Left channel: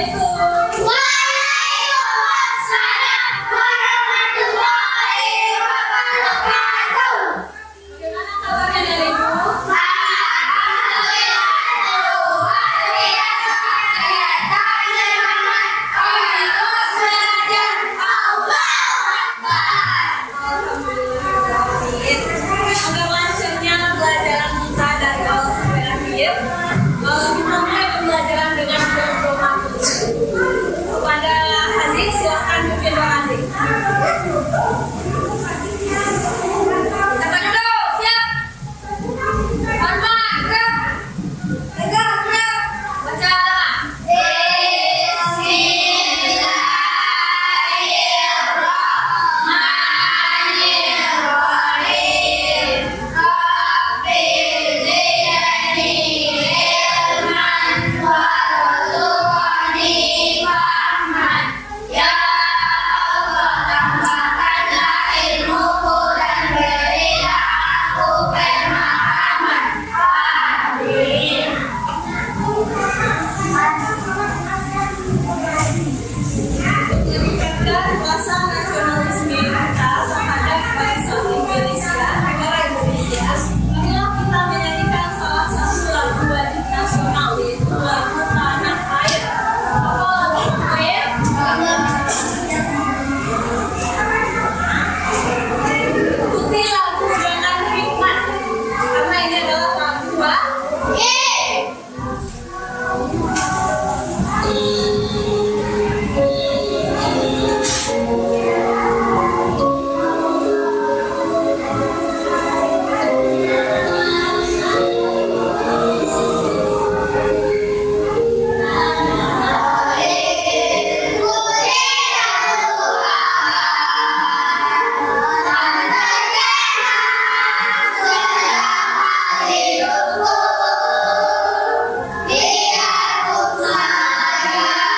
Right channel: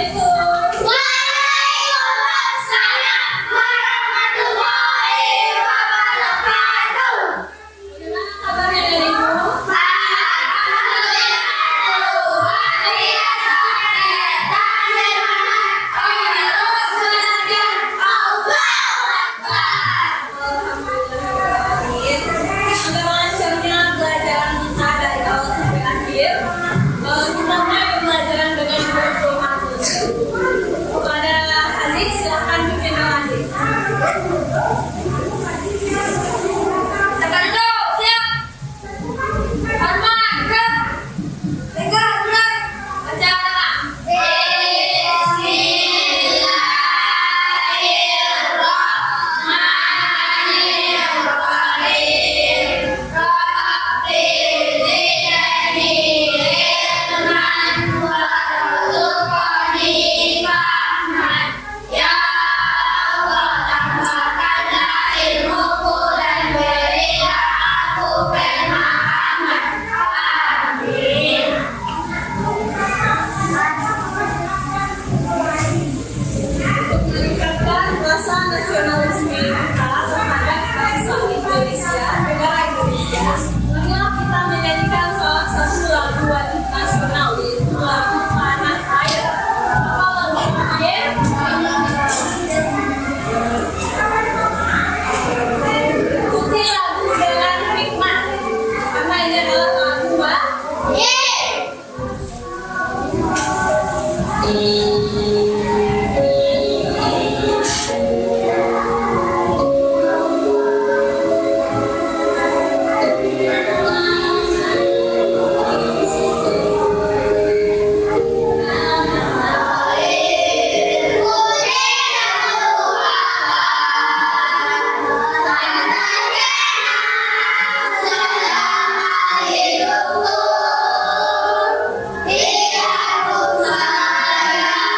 Waalaikumsalam warahmatullahi wabarakatuh. Bagaimana kabarnya dariku? Alhamdulillah, luar biasa. Tak semangat, terus saja. Allahu Akbar. Alhamdulillah. Agar lancarnya pelajaran kita dari awal sampai akhir, kita mulai pembelajaran dengan berdoa. Kepada Haziq, silakan pimpin doa Haziq. Apa dulu? Siap. Hormat, gerak. Pegang, gerak. Baca doa. Bismillahirrahmanirrahim. Rabbi zidni ilman warzuqni fahman. Ya Allah, tambahkanlah ilmuku dan berilah aku pemahaman. Amin. Meningkatkan rasa nasionalisme kita terhadap bangsa Indonesia, negara Indonesia, marilah kita menyanyikan salah satu lagu wajib nasional, yaitu lagu Tanah Air. Apa lagu Tanah Air? Ikuti lagu dengan hikmat, karena ini adalah lagu wajib. Biar ku sayang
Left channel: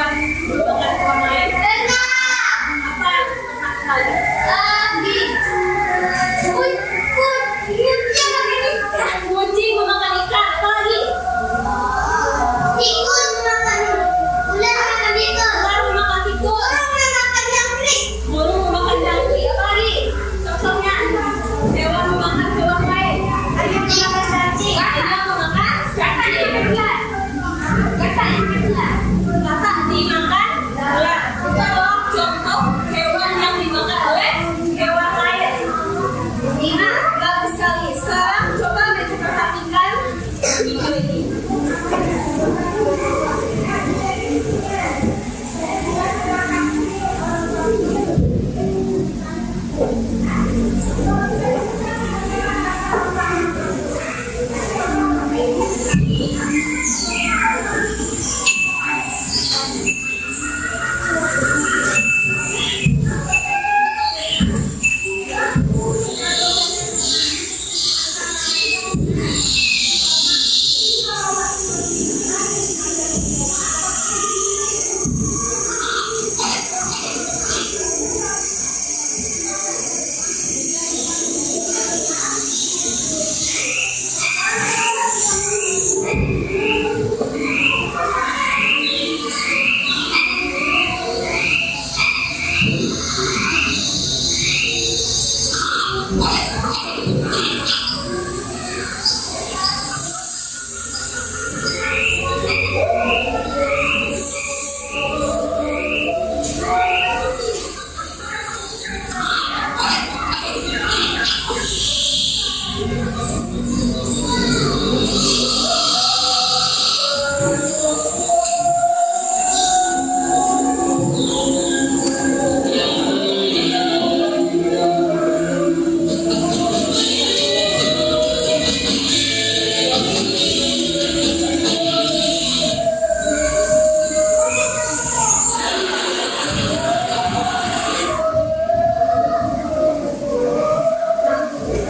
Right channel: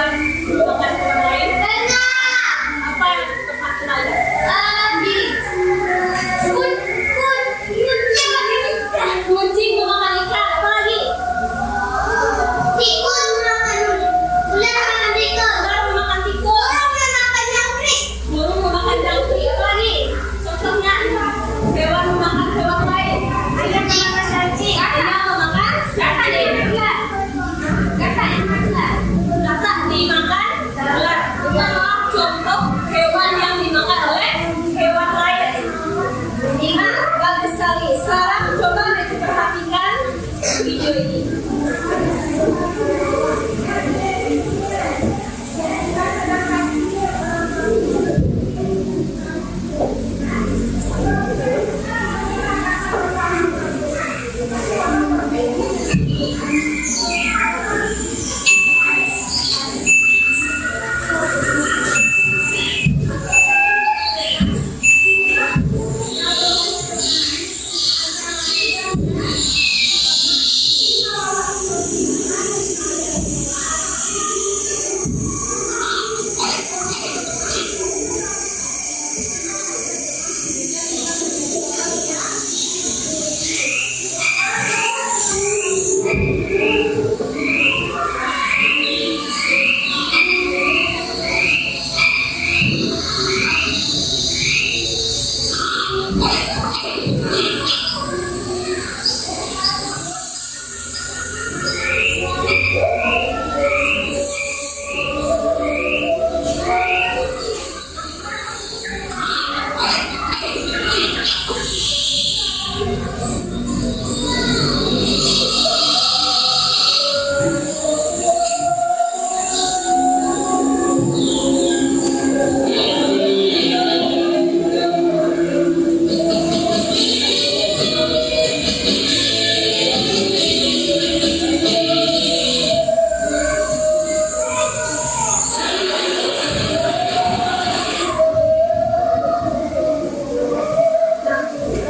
hewan dimakan hewan lain? Apa yang pernah kenali? Kucing memakan ikan. Apa lagi? Ular memakan tikus. Burung memakan jangkrik. Apa lagi? Contohnya hewan memakan hewan lain. Ayam memakan cacing. Ayam memakan cacing. Katak dimakan ular. Itu adalah contoh hewan yang dimakan oleh hewan lain. Nah, bagus sekali. Sekarang coba kita perhatikan video ini.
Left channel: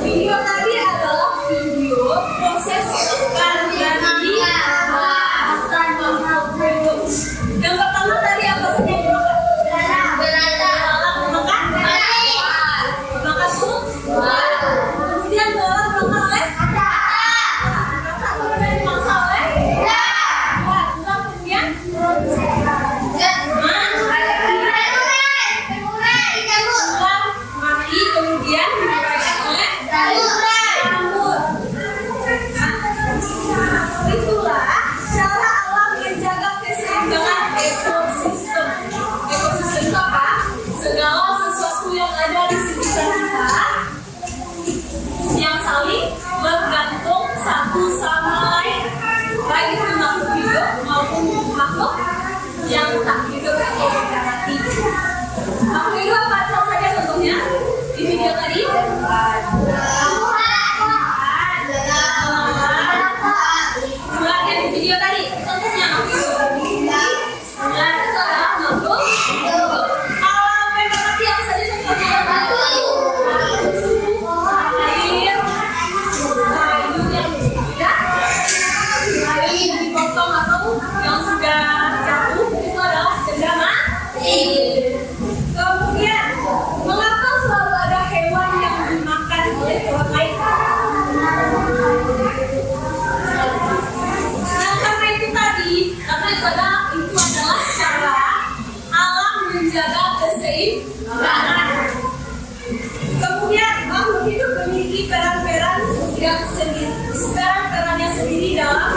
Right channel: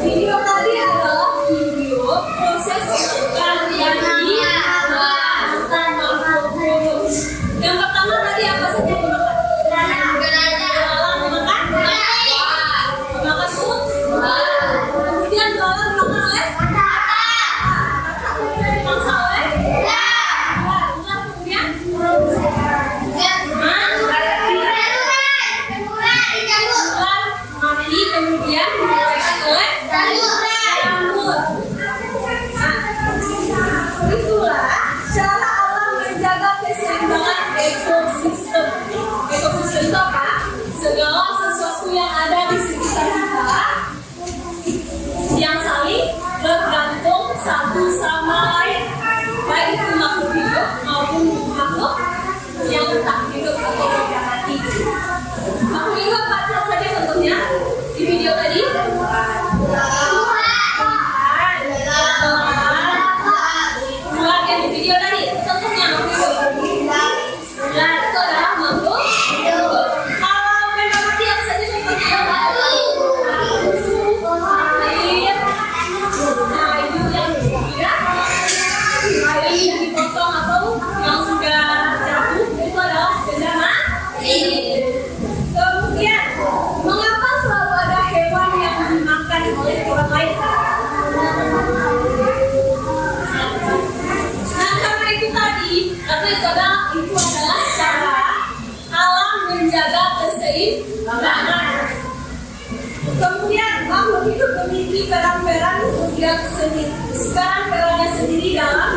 Video tadi adalah video proses makan dari yang pertama tadi apa saja yang dimakan? Belalang memakan makan sup. Kemudian belalang dimakan oleh kakak. Kemudian dimangsa oleh kemudian mati kemudian dimakan oleh jamur. Itulah cara alam menjaga keseimbangan ekosistem. Ekosistem itu apa? Segala sesuatu yang ada di sekitar kita yang saling bergantung satu sama lain, baik itu makhluk hidup maupun makhluk yang tak hidup atau tidak mati. Makhluk hidup apa saja contohnya di video tadi? Ular yang di video tadi, contohnya makhluk hidup. Ular itu adalah makhluk hidup. Kalau memang mati apa saja contohnya? Air, kayu yang sudah kayu yang dipotong atau yang sudah jatuh itu adalah benda mati. Kemudian, mengapa selalu ada hewan yang dimakan oleh hewan lain? Nah, karena itu tadi, karena itu adalah cara alam menjaga keseimbangan. Kemudian, makhluk hidup memiliki peran-perannya sendiri dalam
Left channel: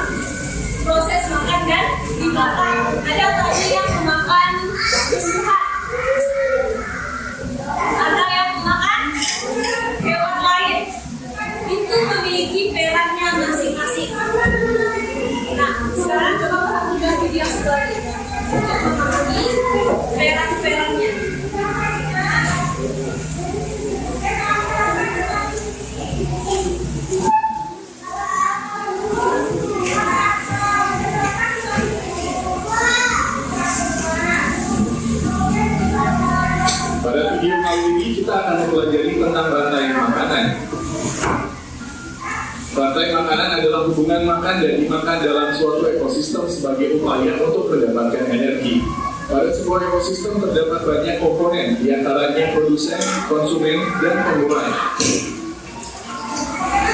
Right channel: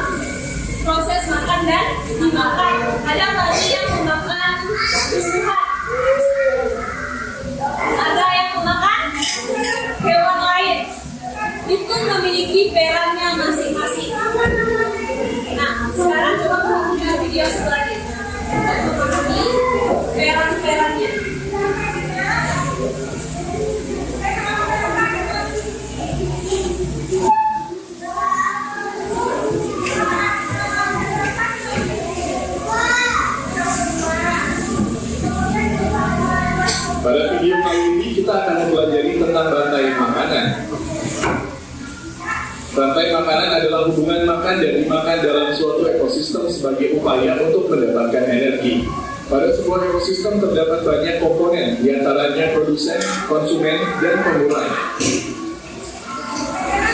proses makan dan dimakan. Ada tadi yang memakan tumbuhan, ada yang memakan hewan lain. Itu memiliki perannya masing-masing. Nah, sekarang coba perhatikan video selanjutnya untuk memahami peran-perannya. Pada video kali ini kita akan mempelajari tentang rantai makanan. Rantai makanan adalah hubungan makan dan dimakan dalam suatu ekosistem sebagai upaya untuk mendapatkan energi. sebuah ekosistem terdapat banyak komponen, diantaranya produsen, konsumen, dan pengurai.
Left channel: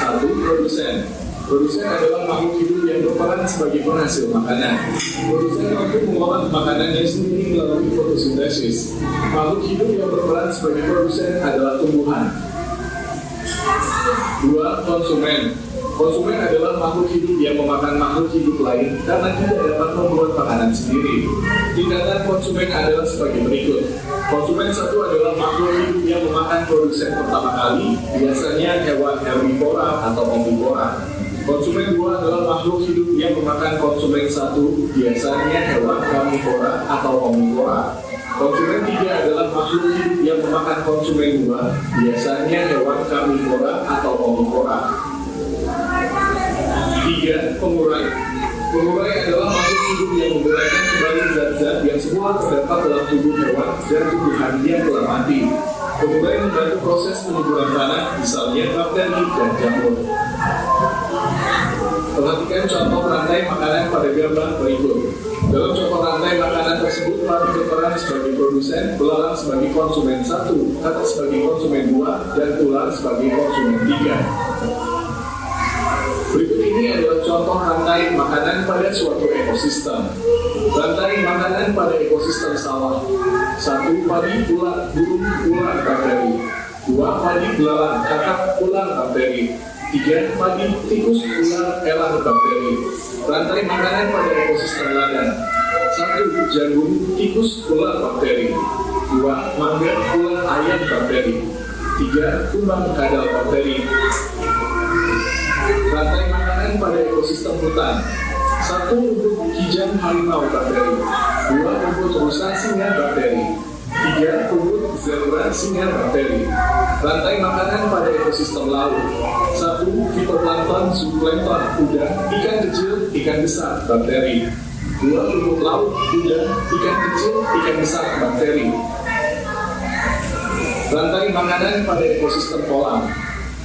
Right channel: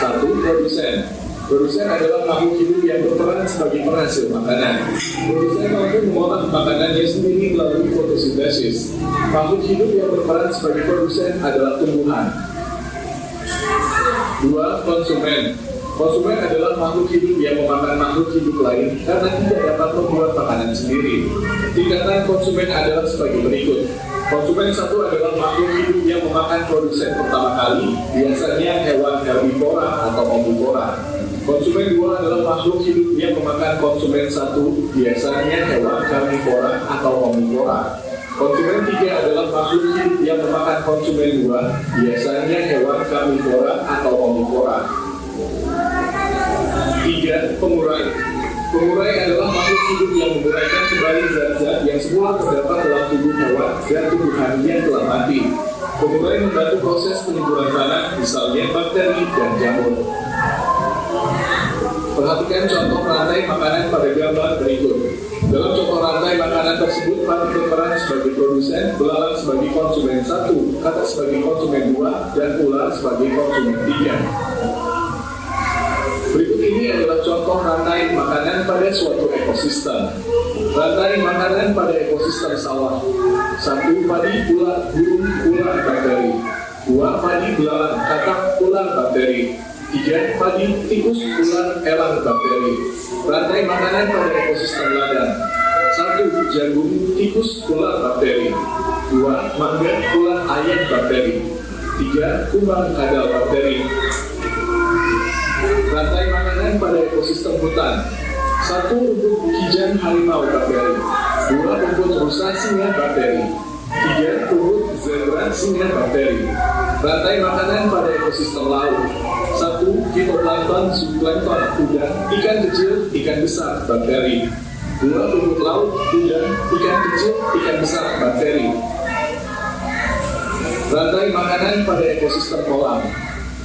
1. Produsen. Produsen adalah makhluk hidup yang berperan sebagai penghasil makanan. Produsen mampu mengolah makanannya sendiri melalui fotosintesis. Makhluk hidup yang berperan sebagai produsen adalah tumbuhan. 2. Konsumen. Konsumen adalah makhluk hidup yang memakan makhluk hidup lain karena tidak dapat membuat makanan sendiri. Tingkatan konsumen adalah sebagai berikut. Konsumen 1 adalah makhluk hidup yang memakan produsen pertama kali, biasanya hewan herbivora atau omnivora. Konsumen 2 adalah makhluk hidup yang memakan konsumen 1, biasanya hewan karnivora atau omnivora. Konsumen 3 adalah makhluk hidup yang memakan konsumen 2, biasanya hewan karnivora atau omnivora. 3. Pengurai. Pengurai adalah makhluk hidup yang menguraikan kembali zat-zat yang semula terdapat dalam tubuh hewan dan tumbuhan yang telah mati. Pengurai membantu proses penyuburan tanah, misalnya bakteri dan jamur. Perhatikan contoh rantai makanan pada gambar berikut. Dalam contoh rantai makanan tersebut, padi berperan sebagai produsen, belalang sebagai konsumen 1, katak sebagai konsumen 2, dan ular sebagai konsumen 3. Berikut ini adalah contoh rantai makanan pada suatu ekosistem. Rantai makanan pada ekosistem sawah. 1. Padi, ular, burung, ular, bakteri. 2. Padi, belalang, katak, ular, bakteri. 3. Padi, tikus, ular, elang, bakteri. Rantai makanan pada ekosistem ladang. 1. Jagung, tikus, ular, bakteri. 2. Mangga, ular, ayam, bakteri. 3. Kumbang, kadal, bakteri. Rantai makanan pada ekosistem hutan. 1. Rumput hijau harimau, bakteri. 2. Rumput rusa, singa, bakteri. 3. Rumput zebra, singa, bakteri. Rantai makanan pada ekosistem laut. 1. Fitoplankton, zooplankton, udang, ikan kecil, ikan besar, bakteri. 2. Rumput laut, udang, ikan kecil, ikan besar, bakteri. Rantai makanan pada ekosistem kolam.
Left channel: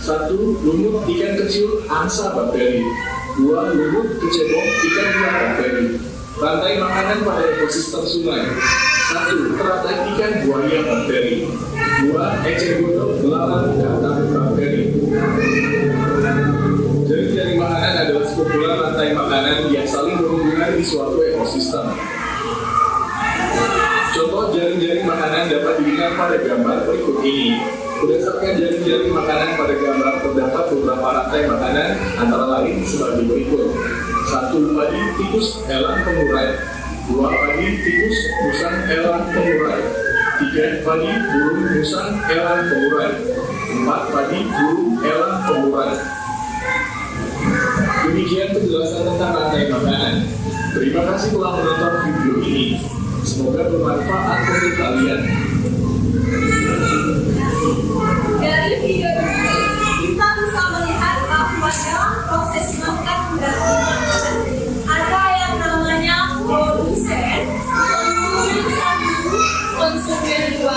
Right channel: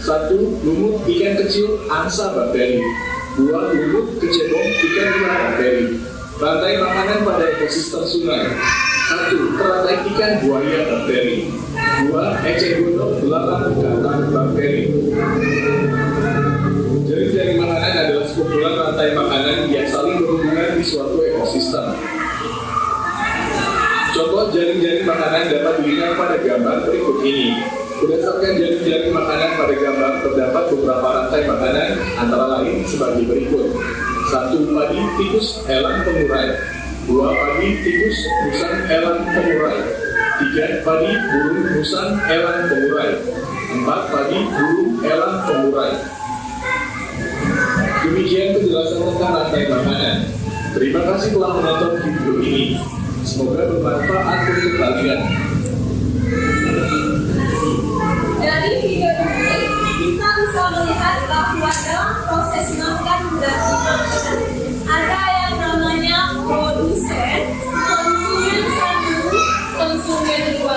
1. Lumut ikan kecil, angsa, bakteri. 2. Lumut kecebong, ikan hias, bakteri. Rantai makanan pada ekosistem sungai. 1. Teratai ikan, buaya, bakteri. 2. Eceng gondok, belalang, katak, bakteri. Jaring-jaring makanan adalah sekumpulan rantai makanan yang saling berhubungan di suatu ekosistem. Contoh jaring-jaring makanan dapat dilihat pada gambar berikut ini. Berdasarkan jaring-jaring makanan pada gambar, terdapat beberapa rantai makanan antara lain sebagai berikut. 1. Padi, tikus, elang, pengurai. 2. Padi, tikus, musang, elang, pengurai. 3. Padi, burung, musang, elang, pengurai. 4. Padi, burung, elang, pengurai. Demikian penjelasan tentang rantai makanan. Terima kasih telah menonton video ini. Semoga bermanfaat untuk kalian. Dari video ini, kita bisa melihat bahwa dalam proses makan dan makanan ada yang namanya produsen, konsumen 1, konsumen 2,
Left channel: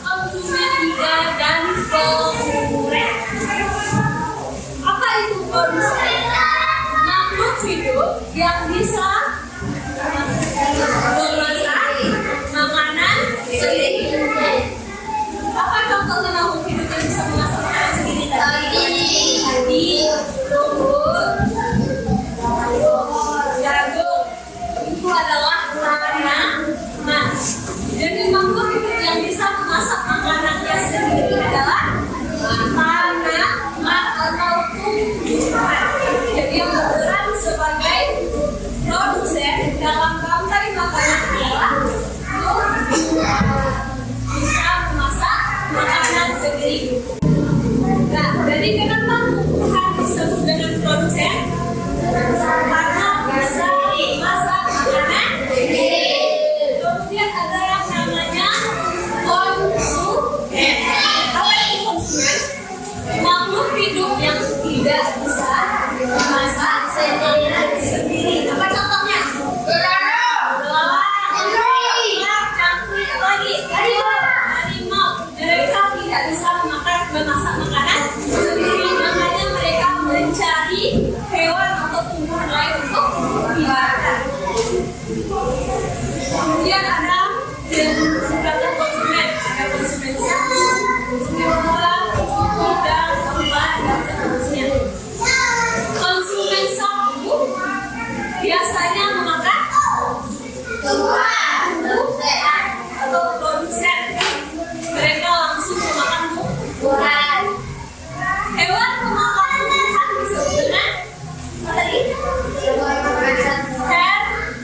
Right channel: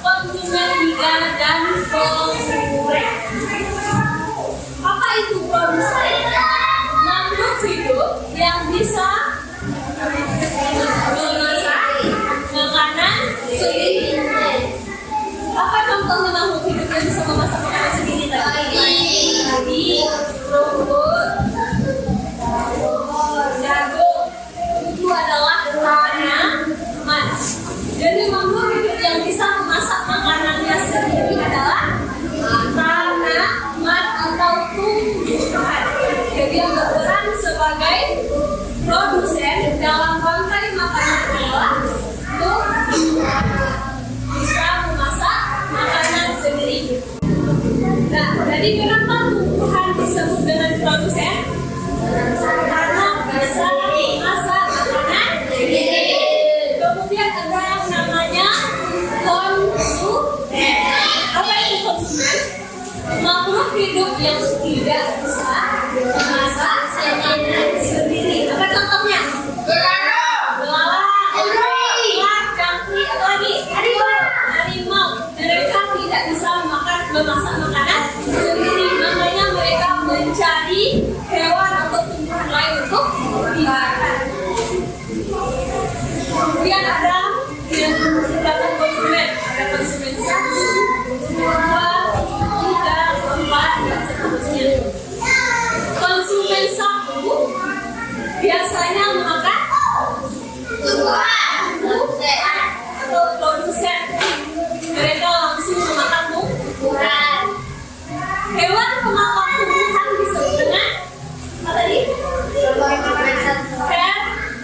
konsumen 3, dan pengurai. Apa itu produsen? Makhluk hidup yang bisa memasak makanan sendiri. Apa contohnya makhluk hidup yang bisa memasak makanan sendiri tadi? Rumput, dan berapa konsumen? Ada konsumen 1, konsumen 2, 3, 4, dan seterusnya. Konsumen 1 biasanya memakan tumbuhan, atau produsen. Mereka langsung memakan tumbuhan, hewan pemakan tumbuhan disebut dengan apa tadi?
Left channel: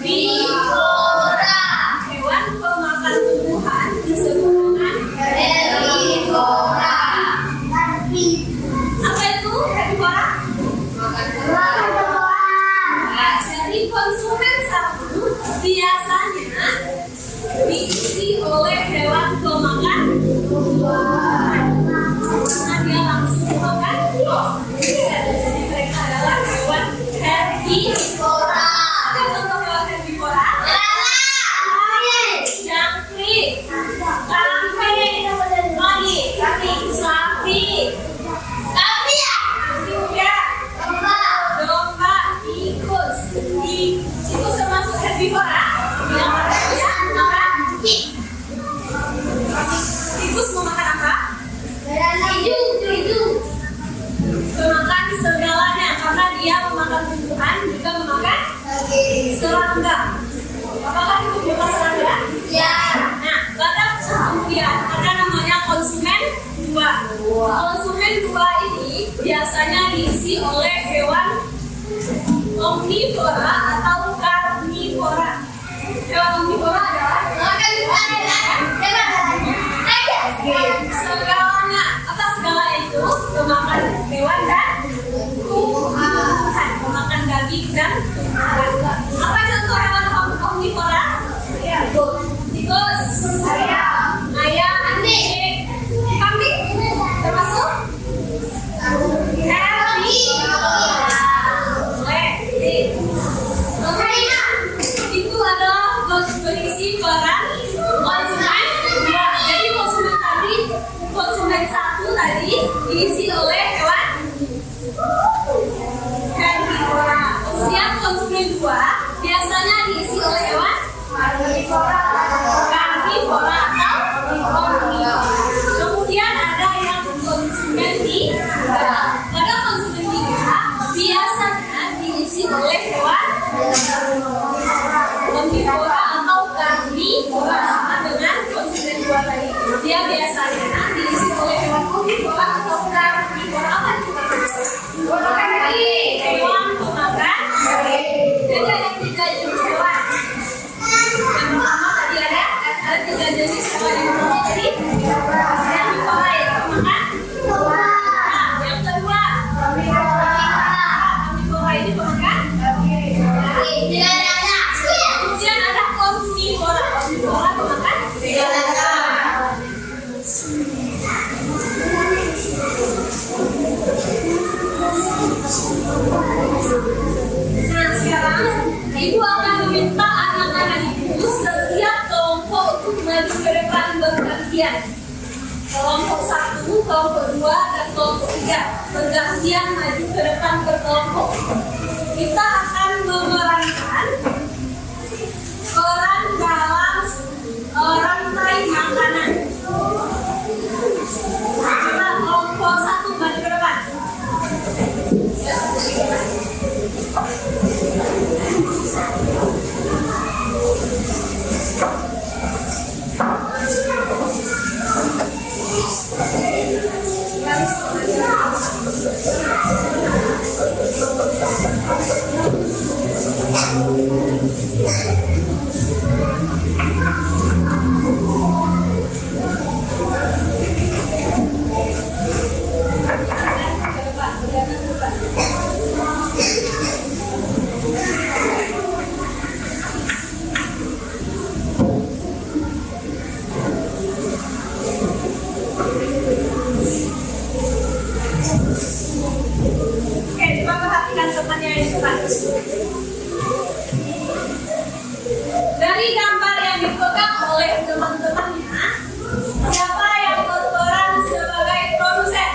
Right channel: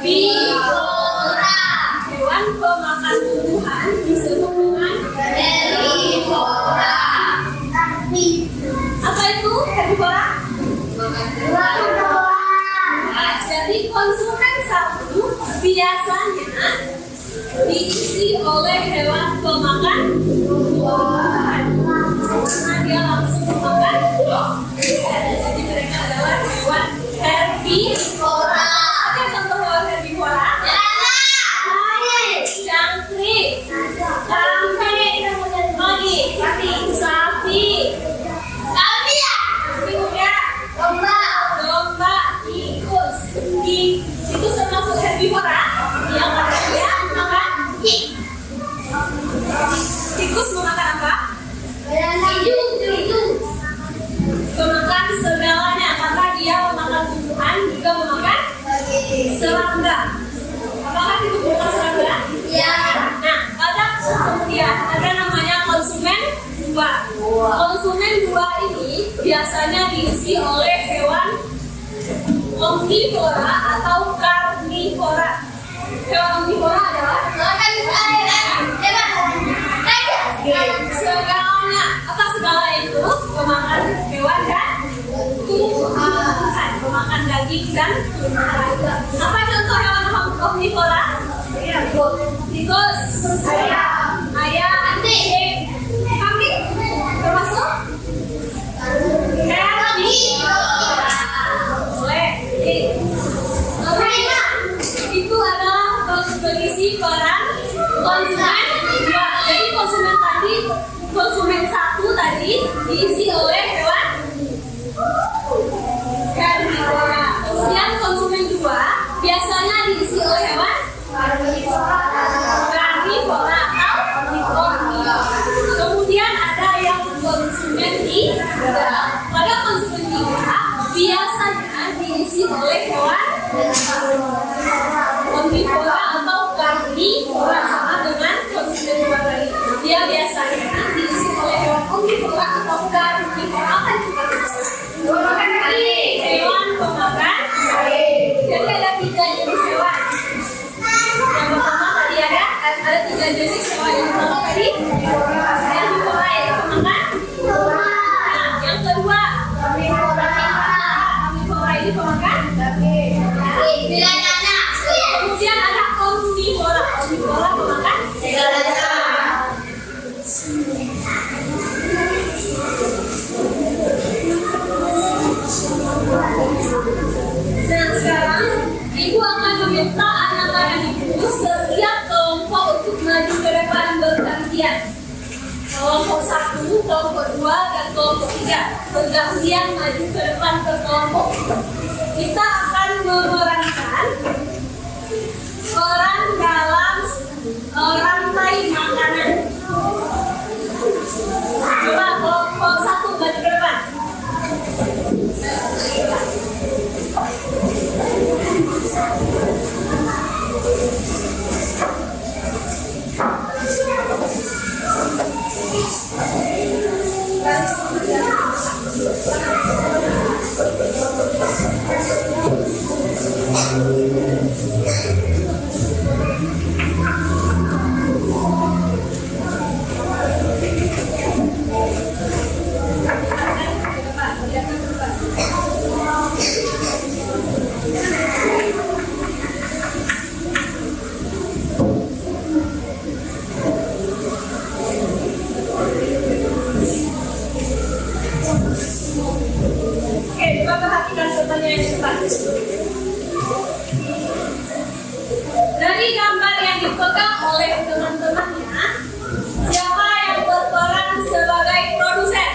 Herbivora. Hewan pemakan tumbuhan disebut dengan herbivora. apa itu herbivora? Jadi konsumen 1 biasanya diisi oleh hewan pemakan tumbuhan karena dia langsung memakan. Jadi mereka adalah hewan herbivora. Ada contoh hewan herbivora? Jangkrik, kambing, sapi, juga domba, tikus. Tikus termasuk herbivora yang dia makan. Tikus memakan apa? Memakan segalanya karena dia memakan tumbuhan juga memakan serangga. Apakah tikus memakan serangga? Nah, pada kemudian ada namanya konsumen 2. Konsumen 2 ini biasanya diisi oleh hewan omnivora atau karnivora. Hewan omnivora adalah segalanya. Apa segala itu? Pemakan hewan dan tumbuhan, pemakan daging dan tumbuhan. Apa contoh hewan omnivora? Tikus, ayam, anjing, kambing termasuk herbivora. Itu adalah berisi peran konsumen 2. Jadi konsumen 1 tadi diisi oleh hewan herbivora. Kemudian konsumen 2 biasanya diisi oleh hewan karnivora atau omnivora. Kemudian ada yang konsumen 3. Pada konsumen 3 biasanya diisi oleh hewan omnivora atau karnivora, sama dengan konsumen 2 tadi. Dia biasanya diisi oleh hewan omnivora atau karnivora. Apa itu karnivora? Hewan pemakan. Jadi ada 3 jenis hewan. Yang pertama tadi ada 3 jenis hewan. Yang pertama tadi herbivora yang pemakan. Nah, yang kedua karnivora ini pemakan. Kemudian ada omnivora. Omnivora pemakan segalanya. Nah, sekarang ibu akan meminta anak-anak ibu setiap kelompok untuk maju ke depan bergantian. Kelompok 1, kelompok 2, dan kelompok 3 bergantian maju ke depan ke kelompok. Kita akan memerankan peran dalam rantai makanan. Coba kelompok 1 maju ke depan. Dari gambar yang dipegang oleh teman-temannya, siapa yang berperan sebagai produsen?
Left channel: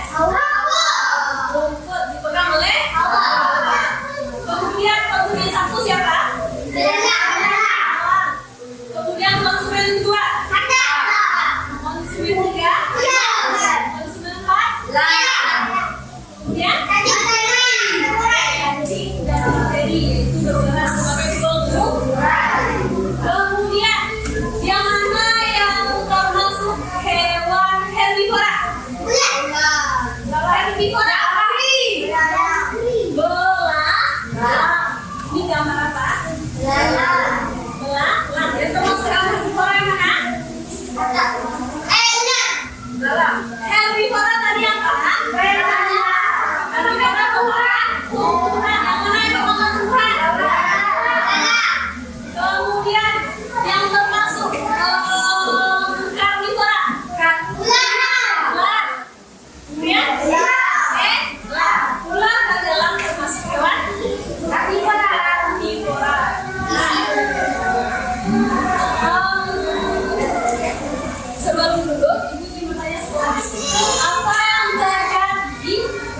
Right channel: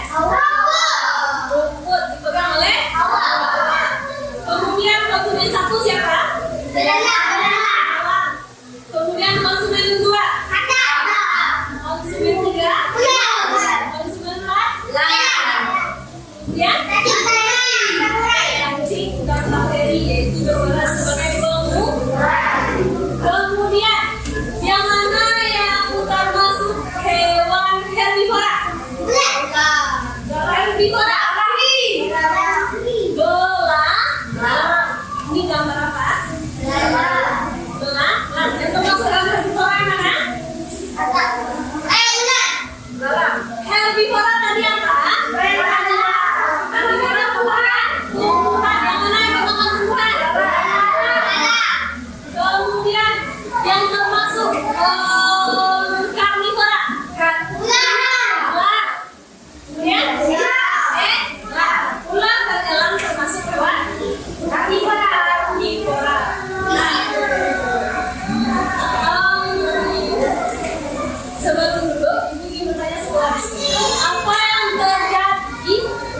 Rumput dipegang oleh kemudian konsumen 1 siapa? Kemudian konsumen 2 Herbivora. Ini gambar apa? Belang. Dan termasuk dalam herbivora yang mana? Herbivora tadi apa? Herbivora pemakan tumbuhan. Yang mana yang pemakan tumbuhan? Kemudian yang termasuk karnivora. Ular. Kemudian ular adalah termasuk hewan karnivora. Sebelum duduk, Ibu ingin bertanya sesuatu. Apa yang terjadi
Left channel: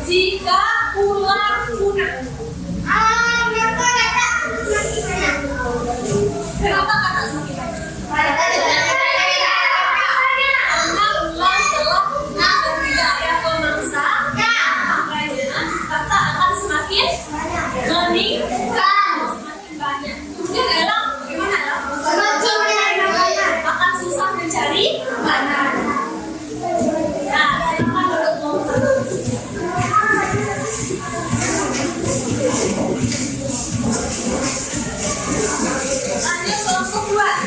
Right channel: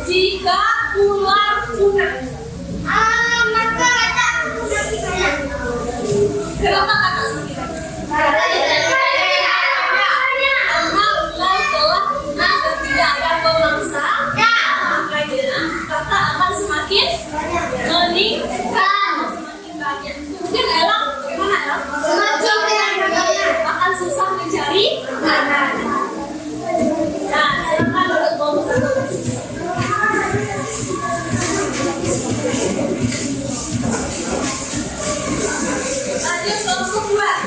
jika ular punah? Kenapa kata semakin banyak? Karena ular telah punah dan tidak ada pemangsa, makanya kata akan semakin meningkat, semakin banyak. Mungkin adalah bagaimana ya? Akan susah mencari makanan. Nah, silakan untuk ngomong. Lanjut kelompok 1.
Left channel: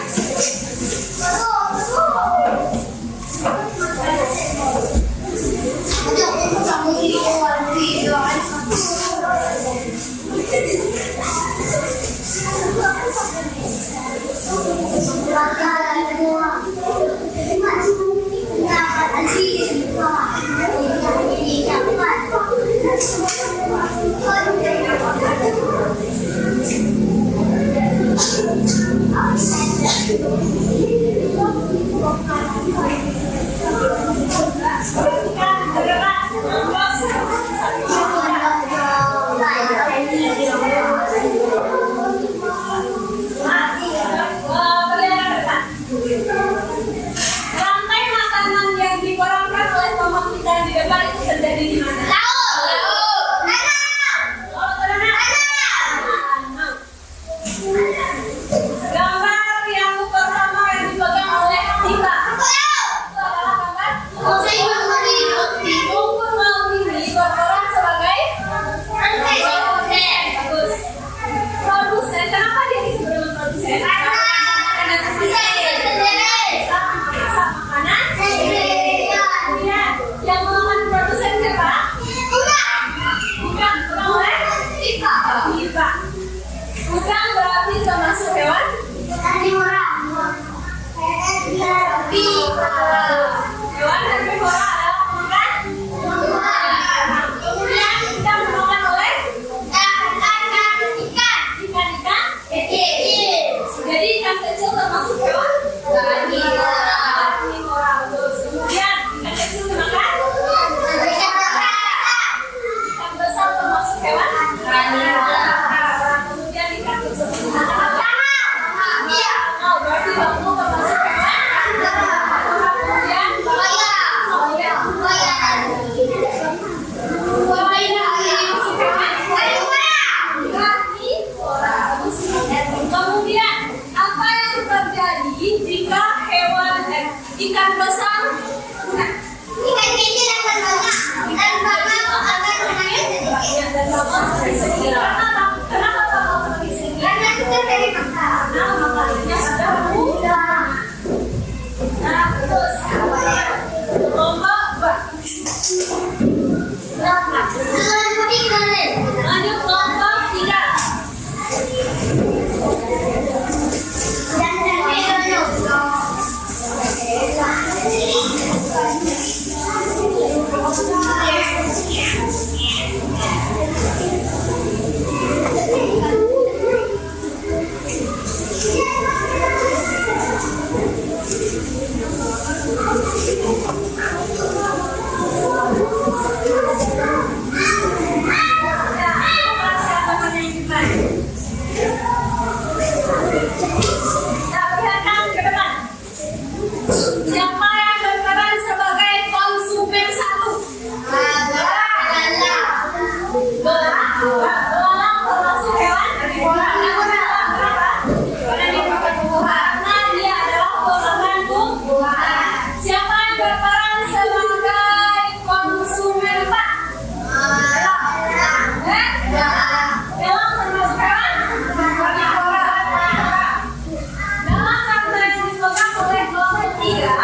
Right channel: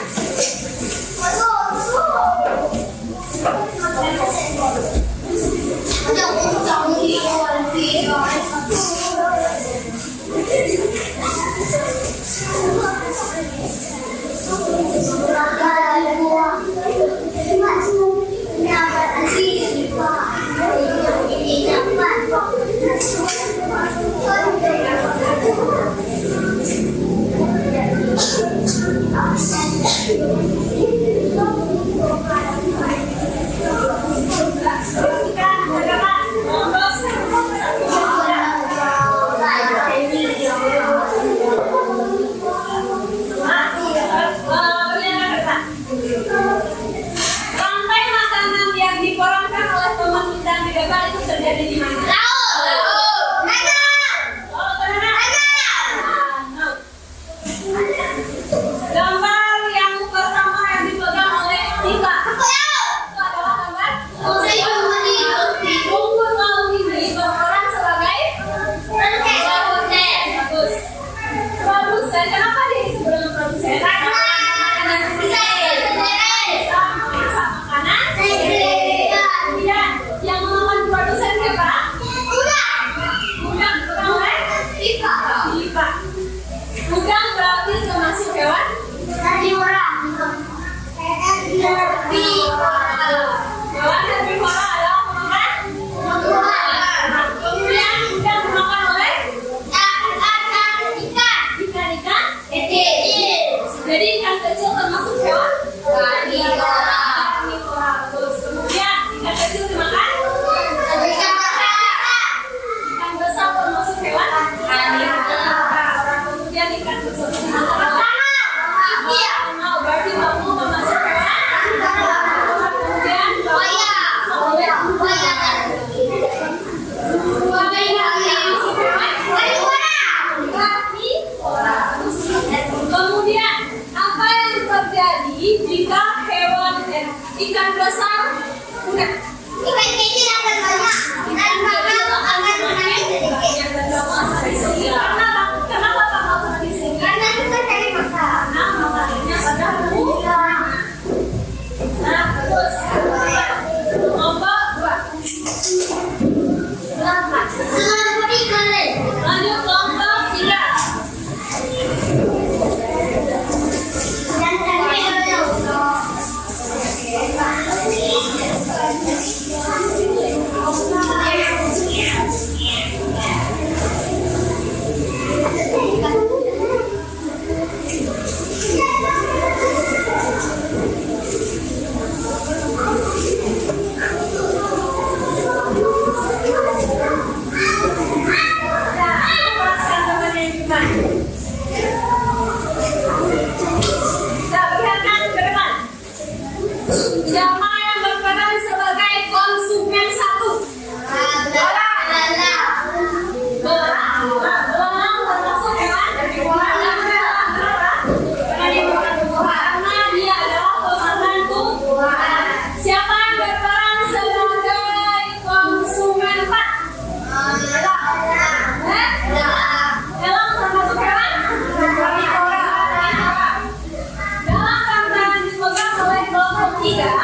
ketiga,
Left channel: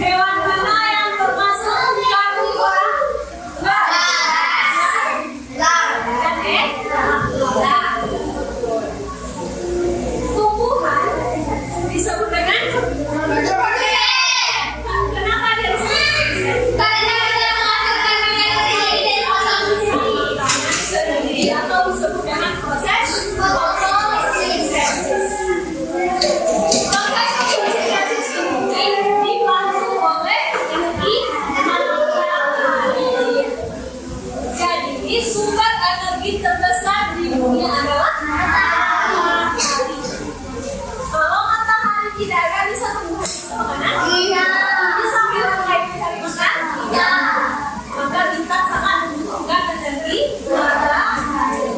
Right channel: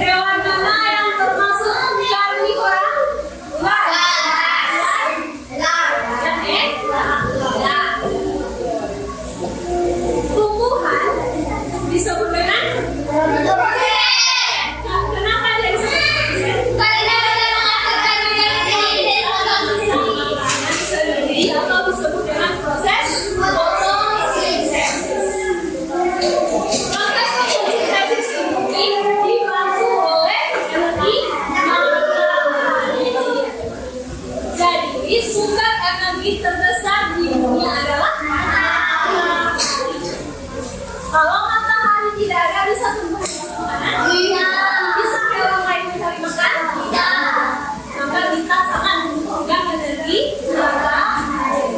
hewan mana yang termasuk karnivora? Tumbuhan disebut dengan kenapa dia disebut sendiri atau disebut dengan proses fotosintesis. Proses fotosintesis ini dibantu oleh energi matahari. Jadi sumber energi terbesar di dunia adalah matahari. Kalau matahari tidak ada, bisa tumbuh makanan? Iya. Bisa hewan lain mencari makan? Iya. Maka kita sangat membutuhkan energi matahari.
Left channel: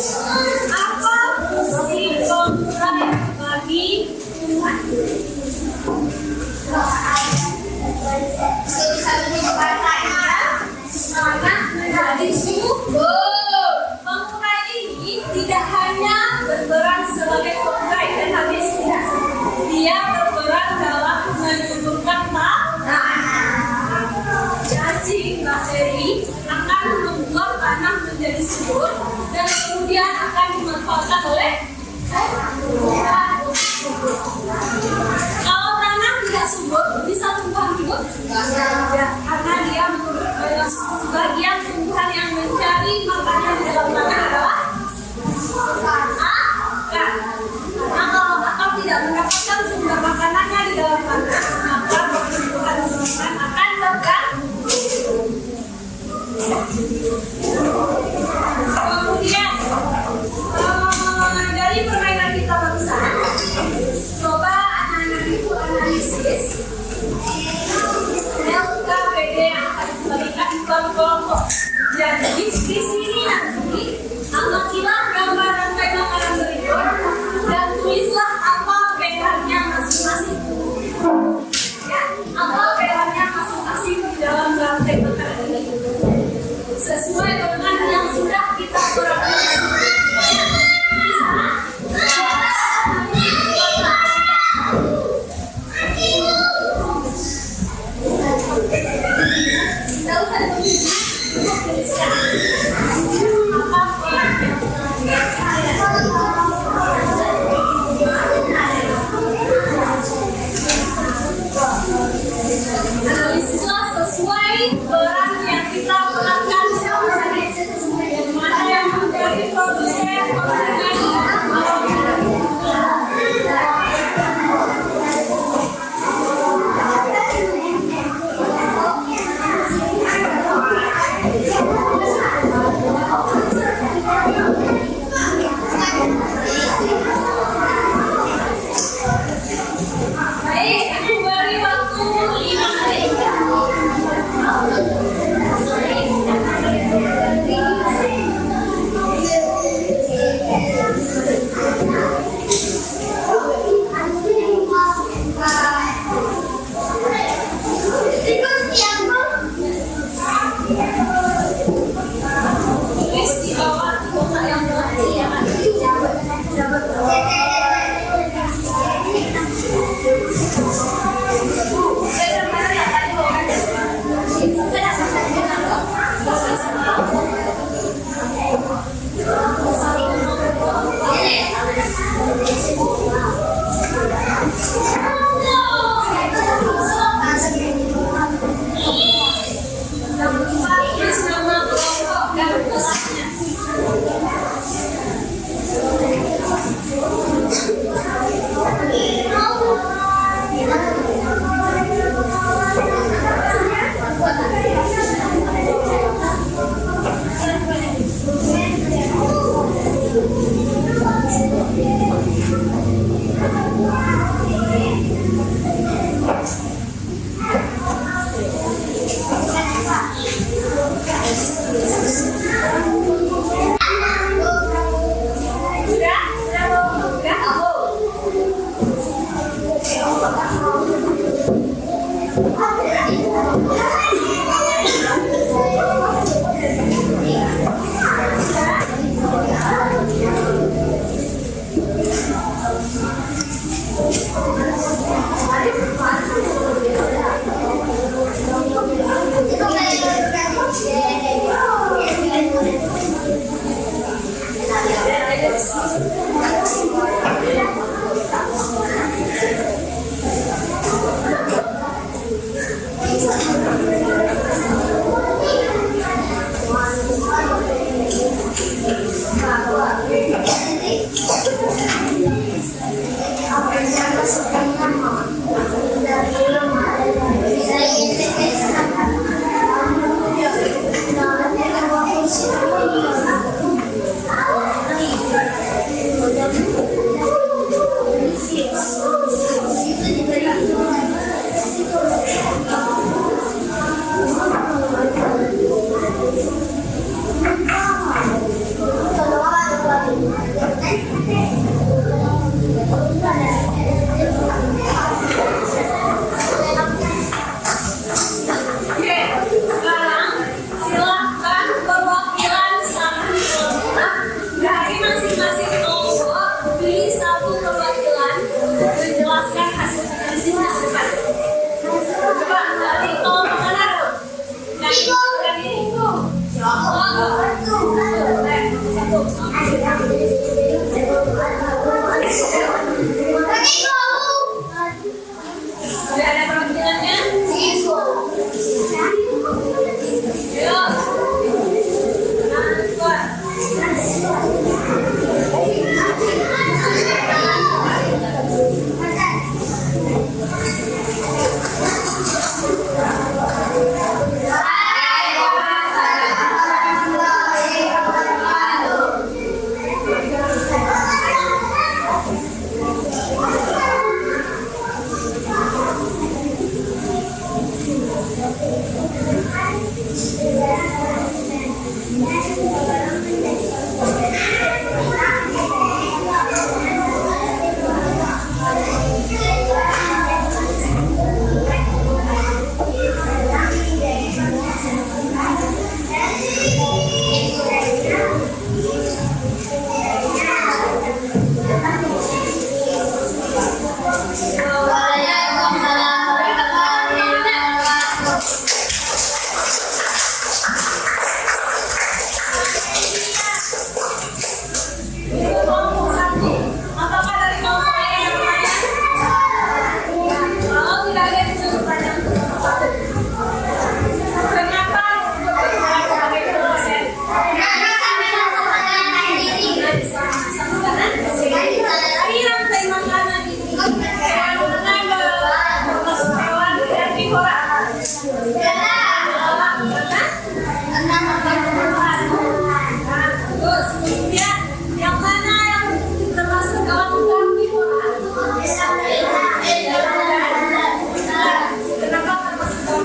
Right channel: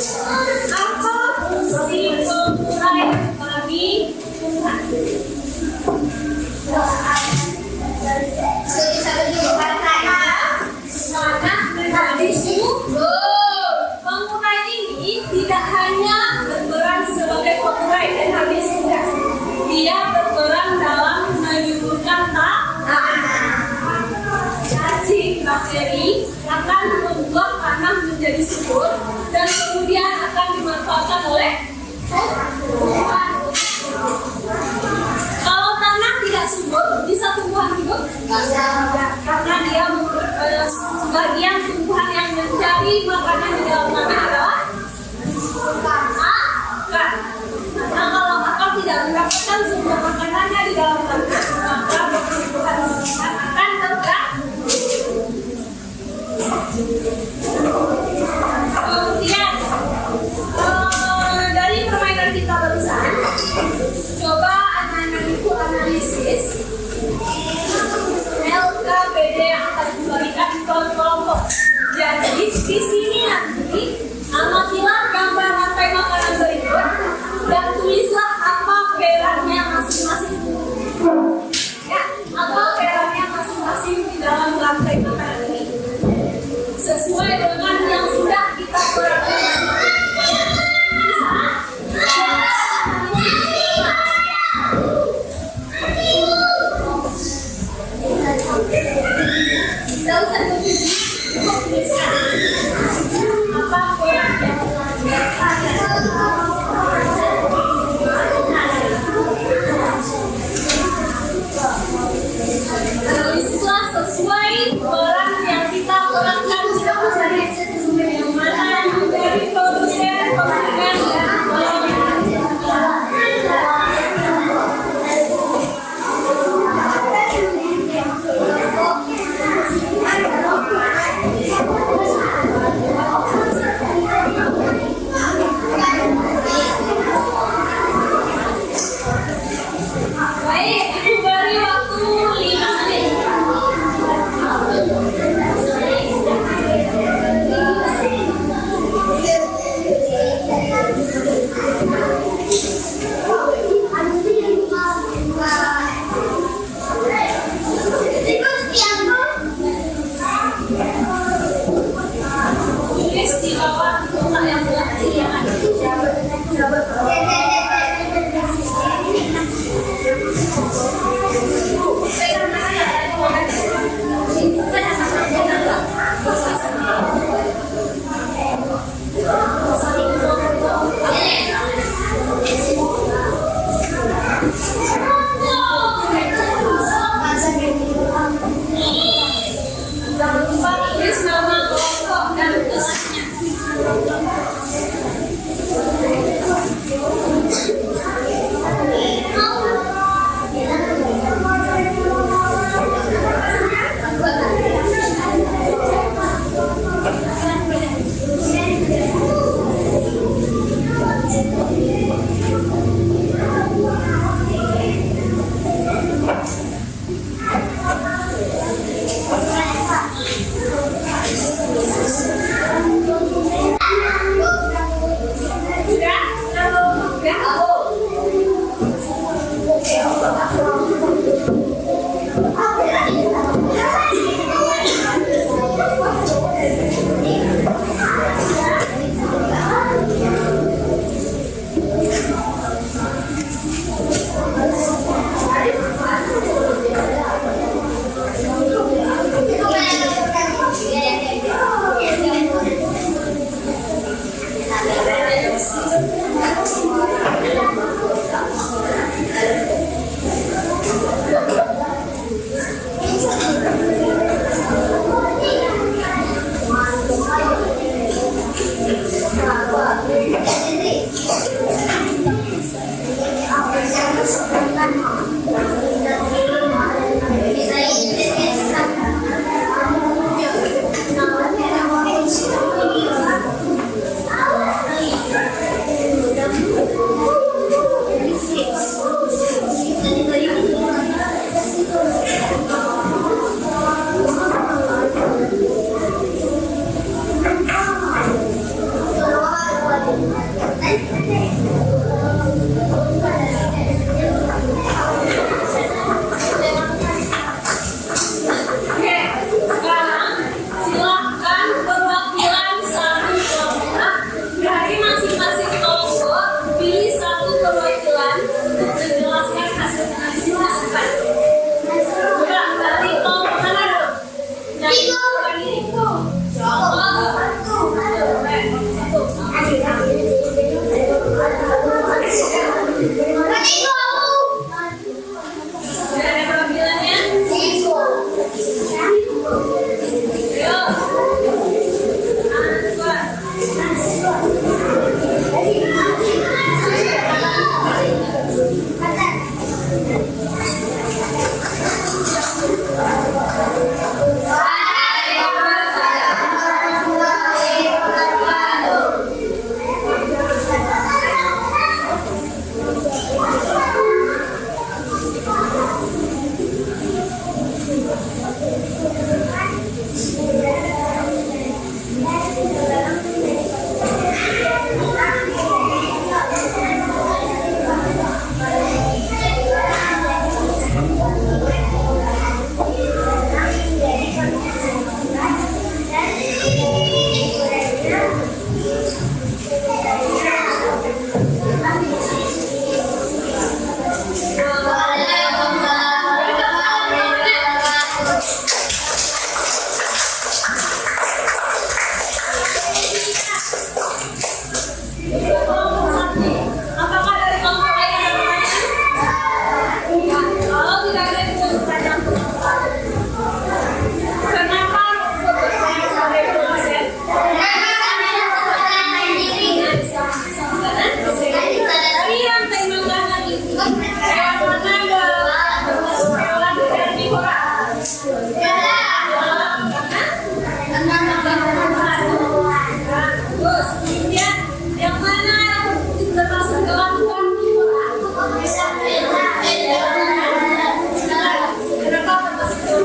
Kemudian apa fungsi penggerak bagi Tuhan? Maka menjadi subur. Pengurai ini tidak hanya berperan sebagai pengurai dan habis tidak. Dia berperan dalam menyuburkan tanah. Cacing bakteri akan membuat tanah menjadi subur dan kemudian akan dimanfaatkan oleh tumbuhan. Kalau tanah tidak subur, bisa tumbuhan hidup? Tidak, karena dia sebagian tumbuhan yang mencari makanan di dalam tanah adalah akar. Karena kalau akar tidak mendapatkan sumber makanannya di dalam tanah, maka pertumbuhan akan terganggu. Kemudian dari permainan kita barusan, coba anak-anak itu analisis LK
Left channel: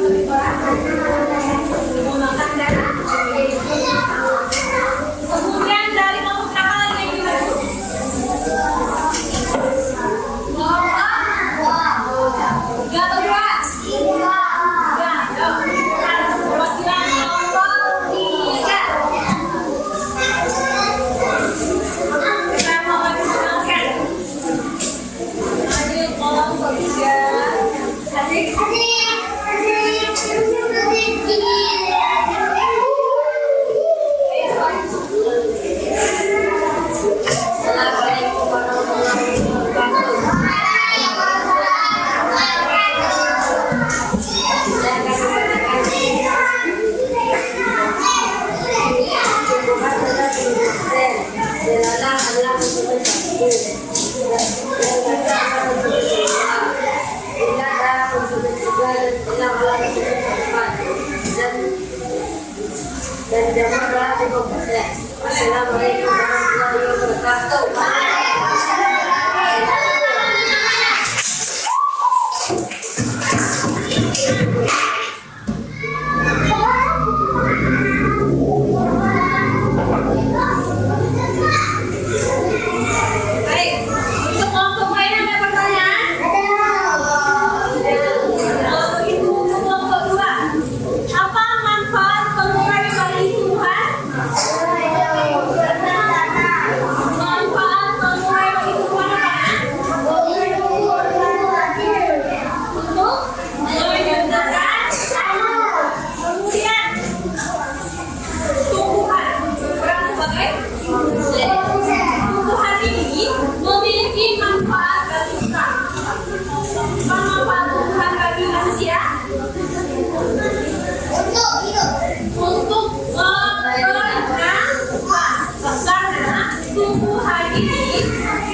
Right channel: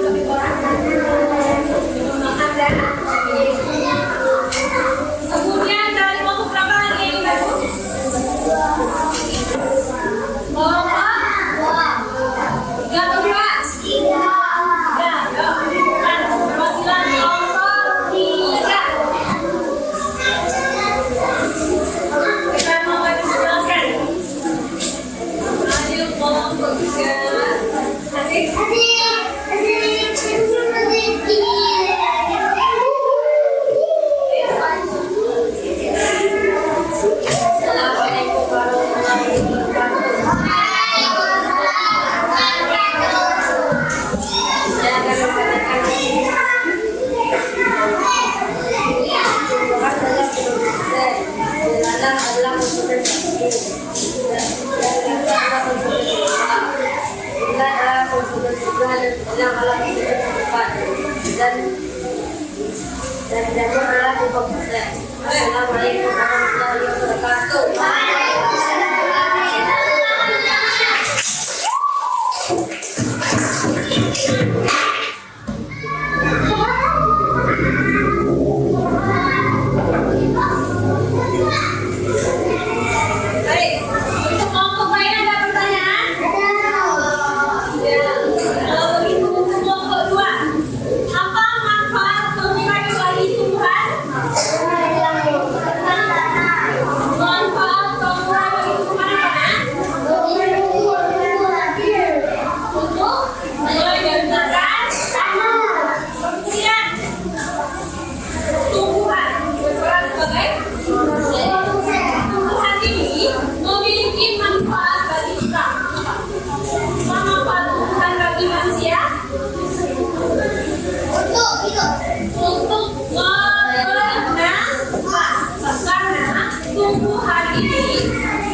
kapibara? Menggunakan darah. Kemudian dari kelompok berapa lagi yang dibantu? Tiga atau dua? Tiga. Ada perwakilan kelompok tiga. Saya mau jelaskan. Ada kelompok tiga. Asik. Dan jawab adalah Assalamualaikum warahmatullahi wabarakatuh. Baik, untuk kelompok lain ada pertanyaan? Kalau begitu untuk kelompok dua, apa manfaat pengurang bagi tumbuhan? Manfaat pengurang bagi tumbuhan apa? Untuk menggunakan tanah. Kemudian tumbuhan berperan sebagai tumbuhan ini memiliki manfaat bagi kita. Manfaat tumbuhan bagi manusia untuk karena tumbuhan ini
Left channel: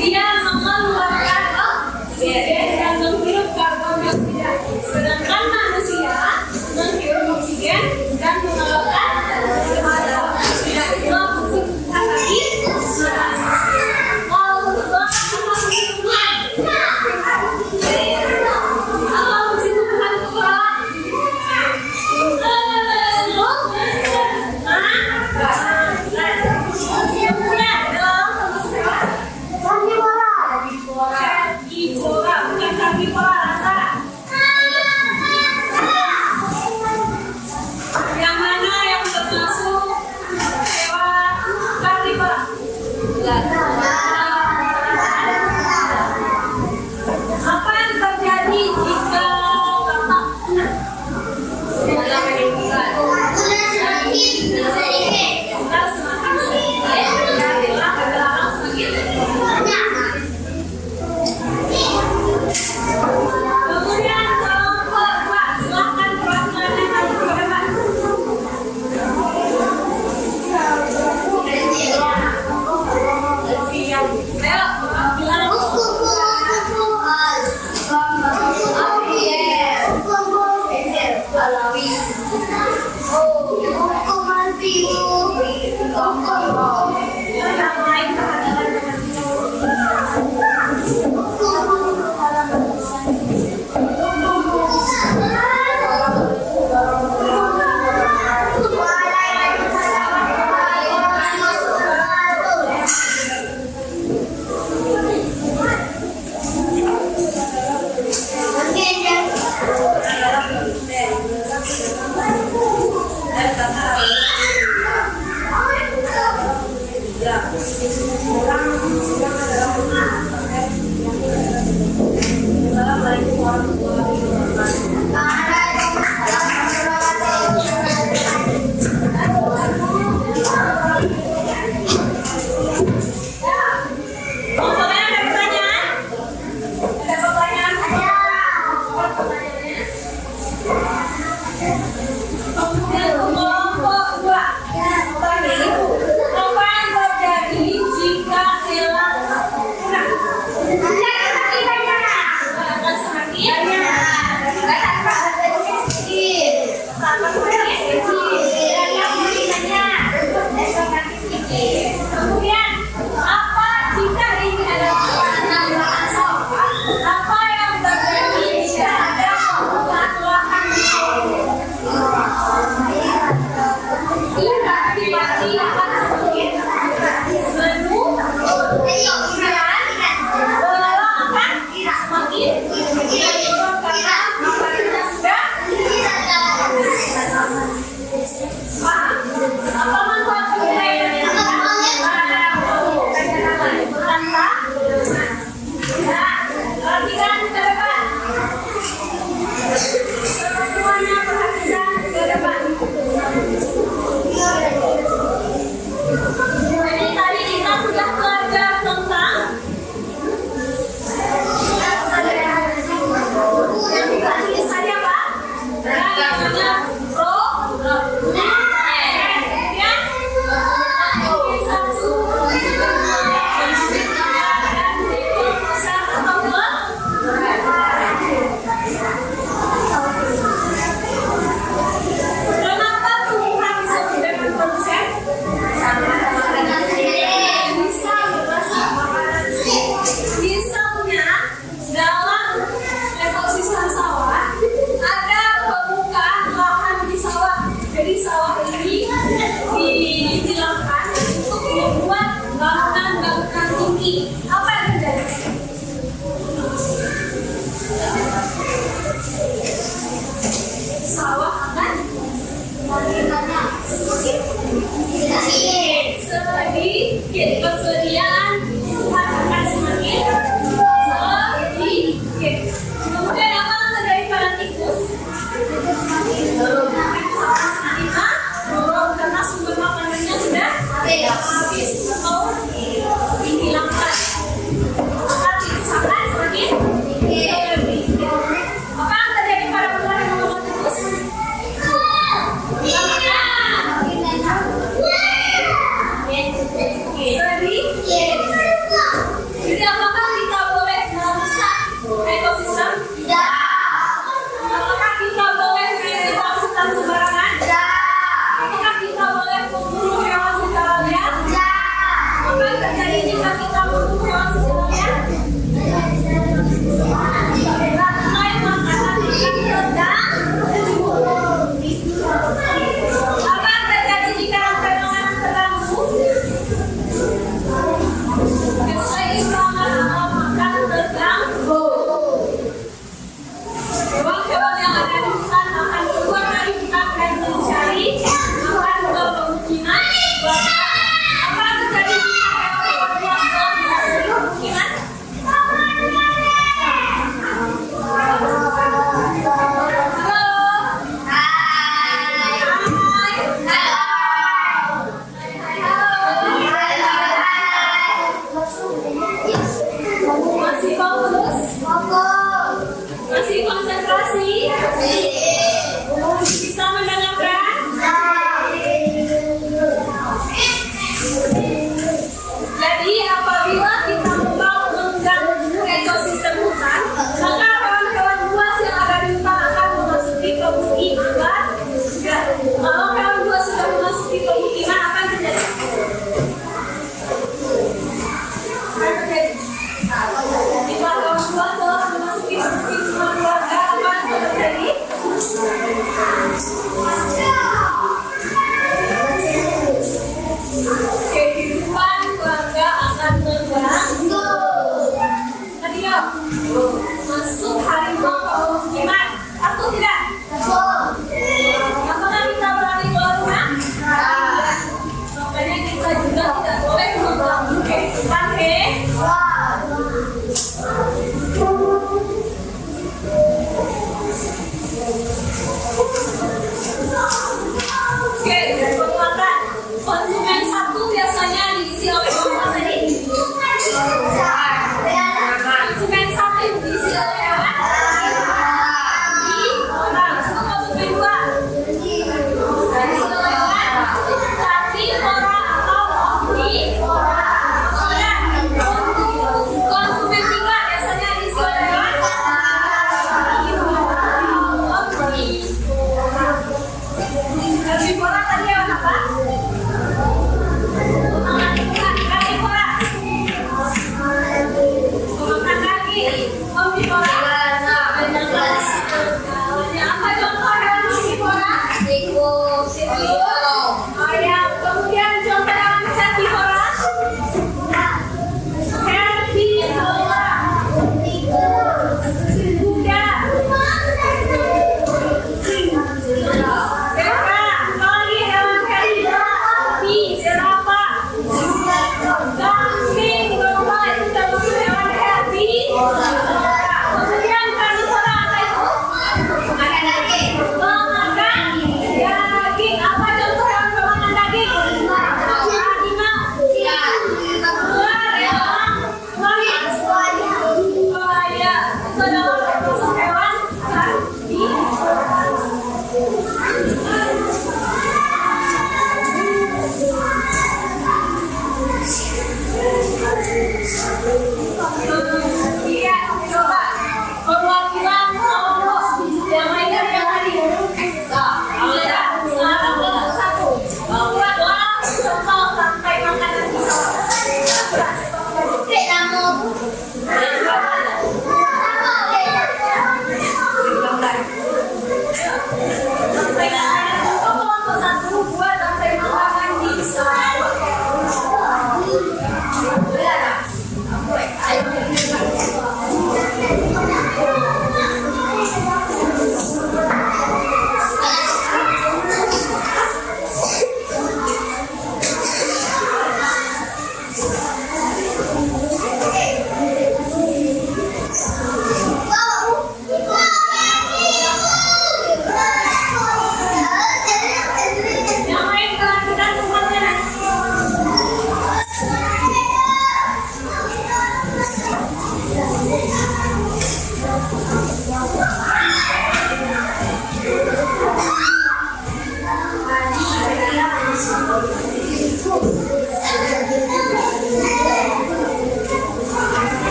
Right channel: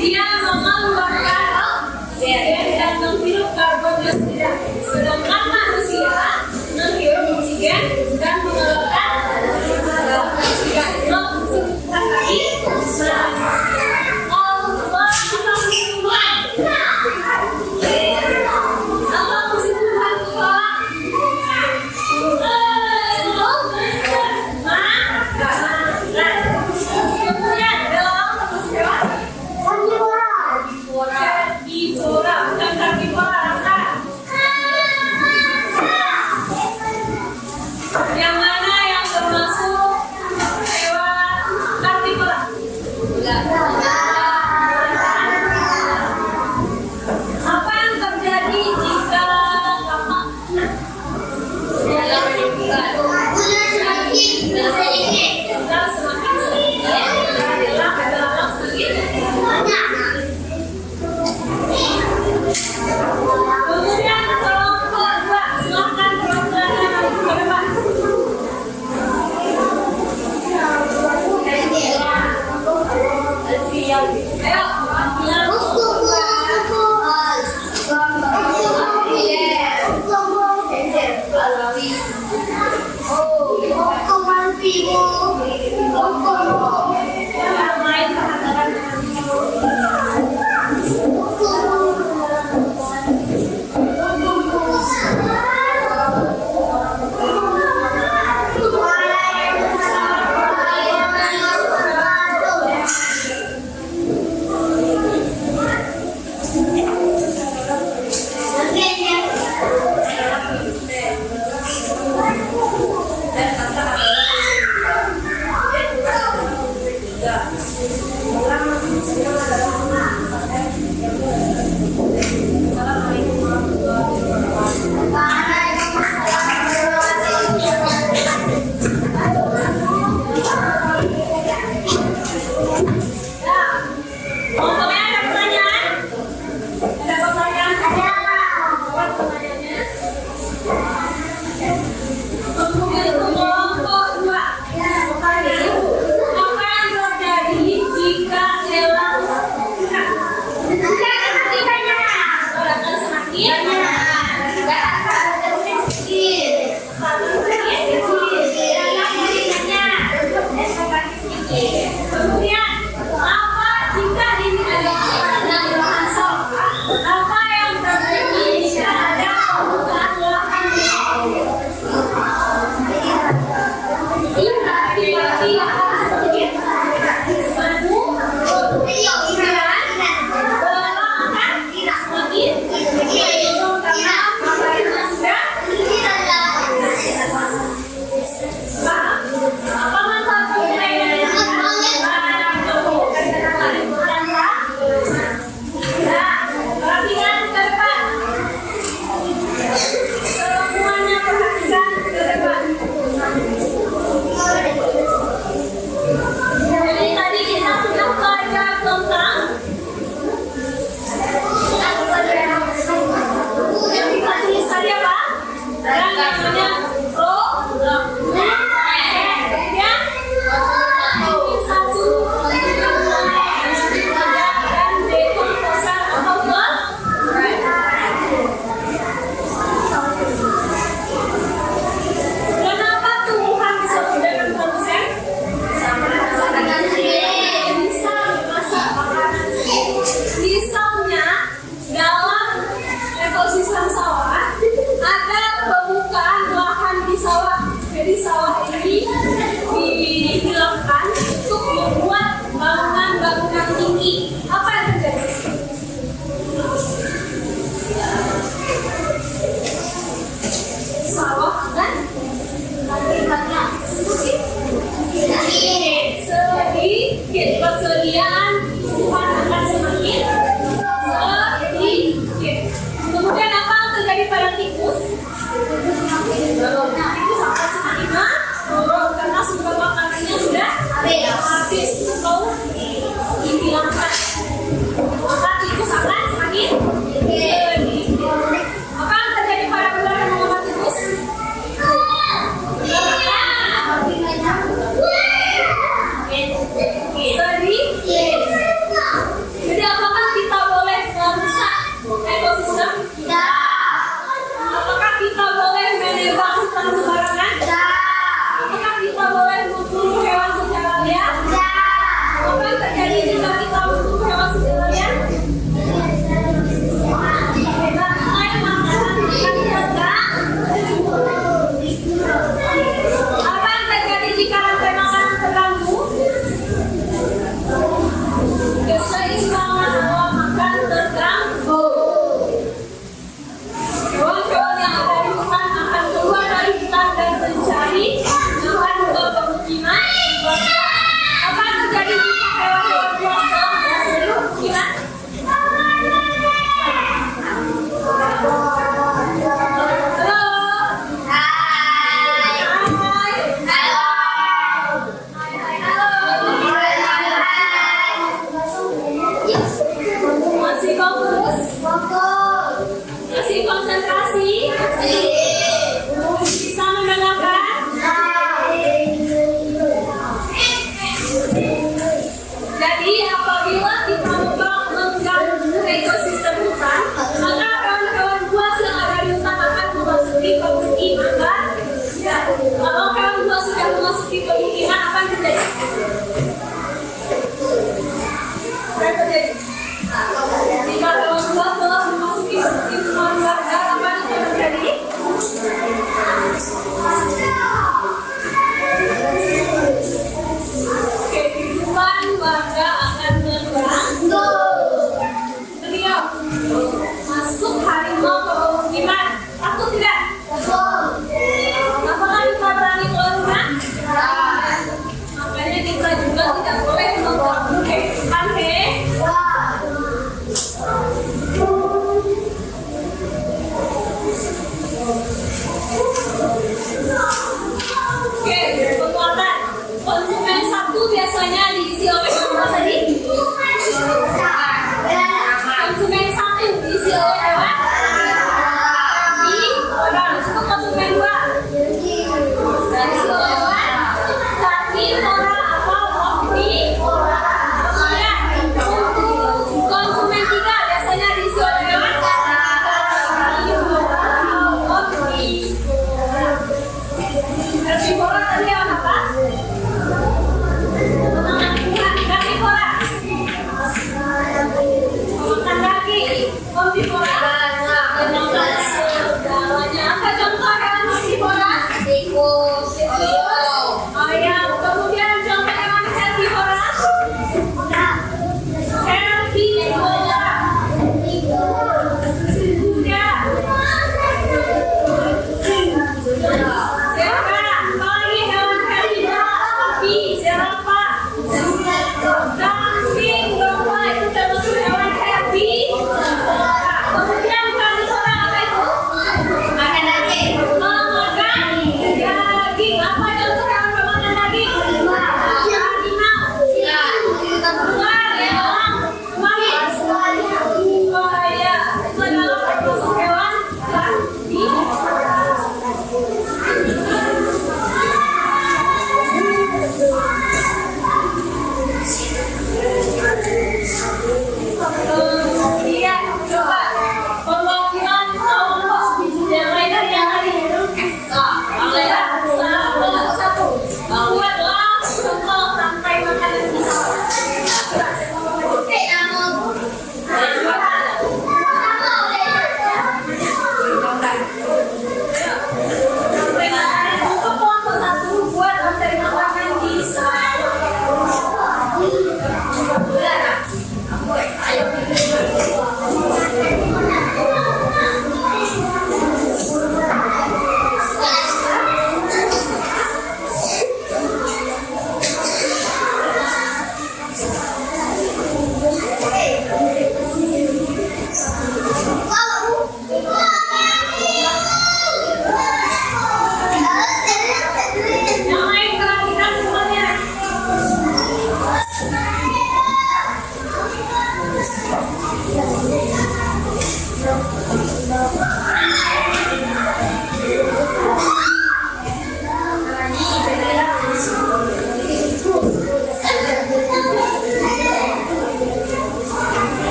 dia mengeluarkan oksigen dan menghirup karbon dioksida, sedangkan manusia menghirup oksigen dan mengeluarkan karbon dioksida. Yang mana yang termasuk hewan karnivora? Apa yang terjadi jika kapal punah? Kita semakin sedikit, adalah semakin banyak. Kemudian kelompok dua, silahkan perwakilannya maju ke depan. Ayo, perwakilan kelompok dua. Yang lain Apa yang terjadi jika ada perubahan lahan? Jadi sawah ini dilakukan untuk membuat bangunan-bangunan tinggi. Apa yang terjadi? Sawah akan sedikit, persediaan tumbuhan akan semakin sedikit. Kemudian apa yang terjadi pada tikus? Tikus akan semakin